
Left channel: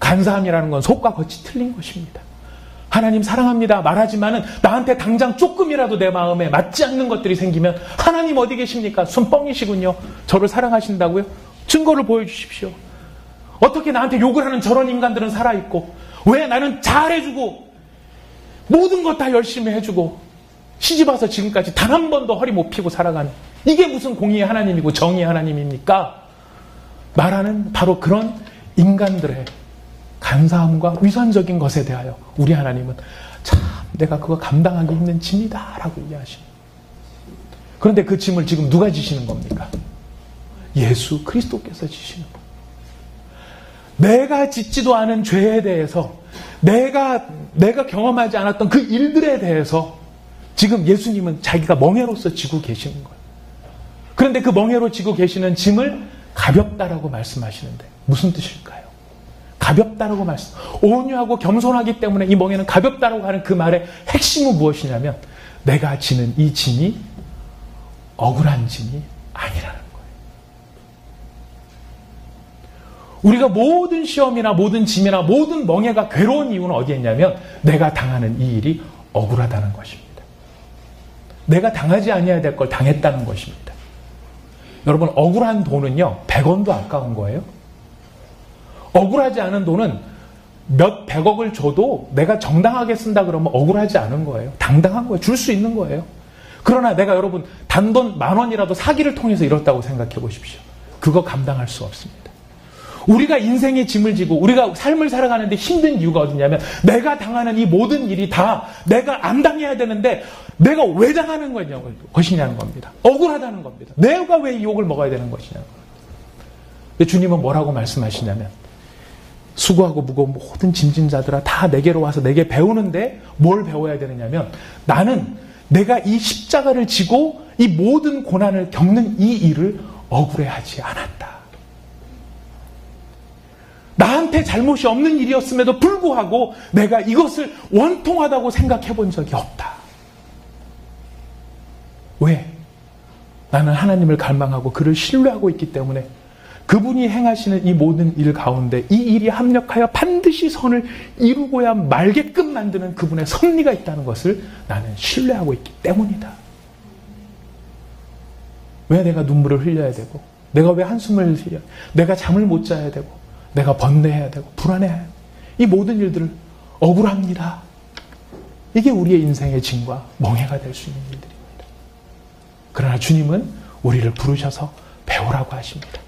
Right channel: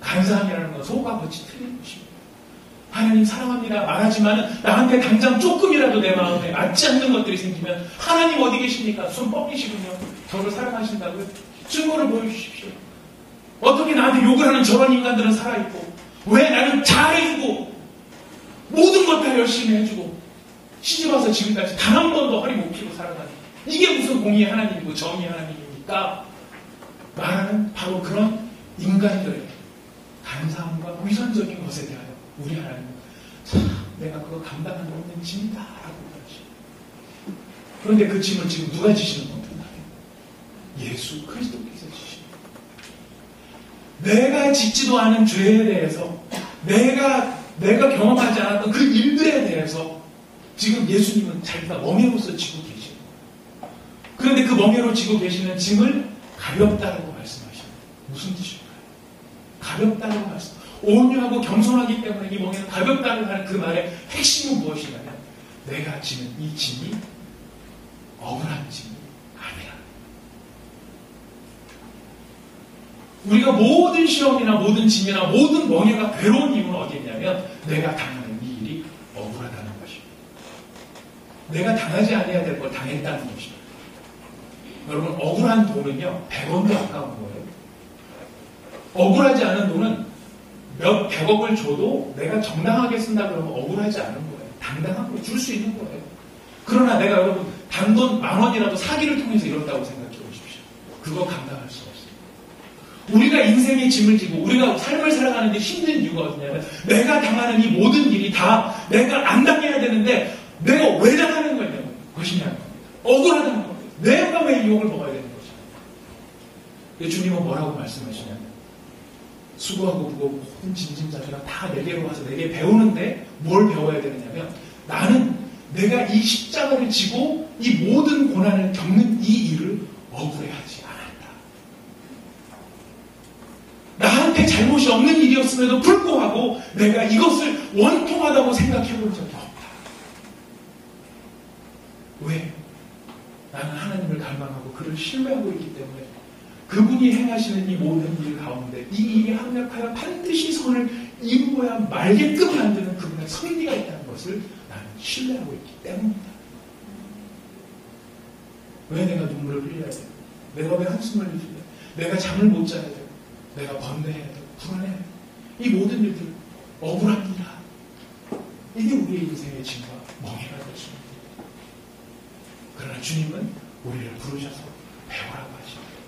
간사함이라는 건 속과 겉이 틀린 것입니다. 하나님 사랑합니다 말하지만은 나한테 당장 조금이라도 내 마음에 맞지 않는 것들이 생기면 하나님 어디 계십니까? 손 뻥이시군요. 저를 사랑하신다고요? 증거를 보여주십시오. 어떻게 나한테 욕을 하는 저런 인간들은 살아있고 왜 나는 잘해주고 모든 것 다 열심히 해주고 시집와서 지금까지 단 한 번도 허리 못 펴고 살아가는 이게 무슨 공의의 하나님이고 정의의 하나님입니까? 말하는 바로 그런 인간들의 간사함과 위선적인 것에 대하여 우리 하나님은 참 내가 그거 감당하기 힘든 짐이다 라고 이야기하십니다. 그런데 그 짐을 지금 누가 지시는 겁니까? 예수 그리스도께서 지시는 겁니다. 내가 짓지도 않은 죄에 대해서 내가 경험하지 않았던 그 일들에 대해서 지금 예수님은 자기가 멍에로서 지고 계시는 거예요. 그런데 그 멍에로 지고 계시는 짐을 가볍다라고 말씀하시는데 무슨 뜻일까요? 가볍다라고 말씀. 온유하고 겸손하기 때문에 이 멍에는 가볍다라고 하는 그 말의 핵심은 무엇이냐면 내가 지는 이 짐이 억울한 짐이 아니라는 거예요. 우리가 모든 시험이나 모든 짐이나 모든 멍에가 괴로운 이유는 어디에 있냐면 내가 당하는 이 일이 억울하다는 것입니다. 내가 당하지 않아야 될 걸 당했다는 것입니다. 여러분 억울한 돈은요 100원도 아까운 거예요. 억울하지 않은 돈은 몇 백억을 줘도 내가 정당하게 쓴다 그러면 억울하지 않은 거예요. 당당한 거예요. 줄 수 있는 거예요. 그러나 내가 여러분 단돈 10,000원이라도 사기를 통해서 잃었다고 생각해 보십시오. 그거 감당할 수 없습니다. 우리가 인생의 짐을 지고 우리가 삶을 살아가는데 힘든 이유가 어디냐면 내가 당하는 이 모든 일이 다 내가 안 당해야 되는데 내가 왜 당하는 것이냐는 겁니다. 억울하다는 겁니다. 내가 왜 욕을 먹어야 되는 것이냐는 겁니다. 근데 주님은 뭐라고 말씀하시냐면 수고하고 무거운 모든 짐진자들아 다 내게로 와서 내게 배우는데 뭘 배워야 되느냐면 나는 내가 이 십자가를 지고 이 모든 고난을 겪는 이 일을 억울해하지 않았다. 나한테 잘못이 없는 일이었음에도 불구하고 내가 이것을 원통하다고 생각해 본 적이 없다. 왜? 나는 하나님을 갈망하고 그를 신뢰하고 있기 때문에 그분이 행하시는 이 모든 일 가운데 이 일이 합력하여 반드시 선을 이루고야 말게끔 만드는 그분의 섭리가 있다는 것을 나는 신뢰하고 있기 때문이다. 왜 내가 눈물을 흘려야 되고 내가 왜 한숨을 흘려야 내가 잠을 못 자야 되고 내가 번뇌해야 되고 불안해야 되고 이 모든 일들을 억울합니다. 이게 우리의 인생의 짐과 멍해가 될 수 있는 일들입니다. 그러나 주님은 우리를 부르셔서 배우라고 하십니다.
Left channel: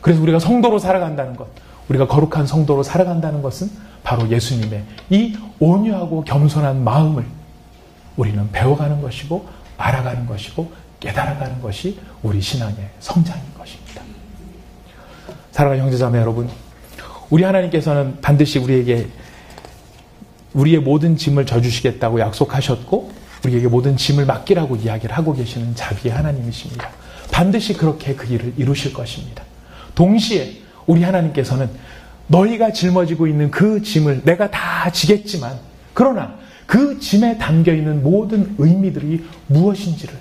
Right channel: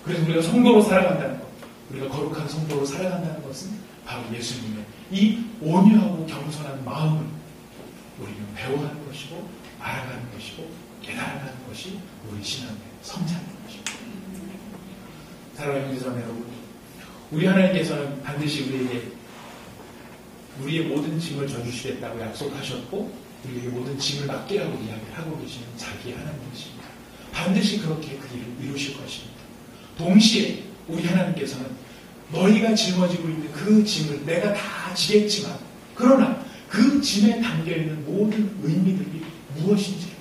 그래서 우리가 성도로 살아간다는 것, 우리가 거룩한 성도로 살아간다는 것은 바로 예수님의 이 온유하고 겸손한 마음을 우리는 배워가는 것이고 알아가는 것이고 깨달아가는 것이 우리 신앙의 성장인 것입니다. 사랑하는 형제자매 여러분, 우리 하나님께서는 반드시 우리에게 우리의 모든 짐을 져주시겠다고 약속하셨고 우리에게 모든 짐을 맡기라고 이야기를 하고 계시는 자비의 하나님이십니다. 반드시 그렇게 그 일을 이루실 것입니다. 동시에 우리 하나님께서는 너희가 짊어지고 있는 그 짐을 내가 다 지겠지만 그러나 그 짐에 담겨있는 모든 의미들이 무엇인지를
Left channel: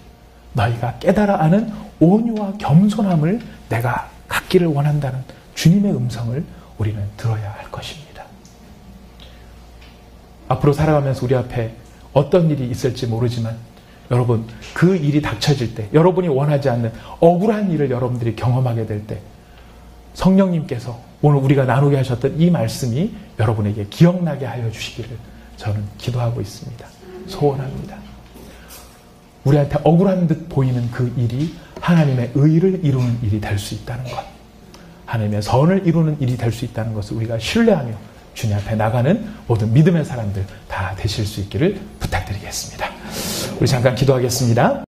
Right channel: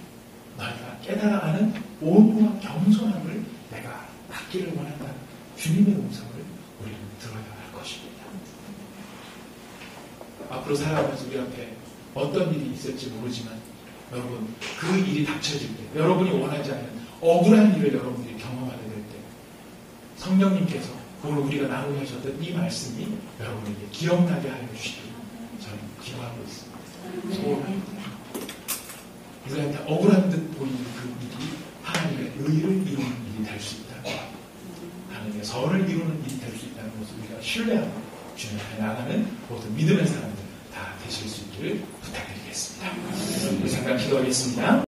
너희가 깨달아 아는 온유와 겸손함을 내가 갖기를 원한다는 주님의 음성을 우리는 들어야 할 것입니다. 앞으로 살아가면서 우리 앞에 어떤 일이 있을지 모르지만 여러분 그 일이 닥쳐질 때 여러분이 원하지 않는 억울한 일을 여러분들이 경험하게 될 때 성령님께서 오늘 우리가 나누게 하셨던 이 말씀이 여러분에게 기억나게 하여 주시기를 저는 기도하고 있습니다. 소원합니다. 우리한테 억울한 듯 보이는 그 일이 하나님의 의를 이루는 일이 될 수 있다는 것, 하나님의 선을 이루는 일이 될 수 있다는 것을 우리가 신뢰하며 주님 앞에 나가는 모든 믿음의 사람들 다 되실 수 있기를 부탁드리겠습니다. 우리 잠깐 기도하겠습니다.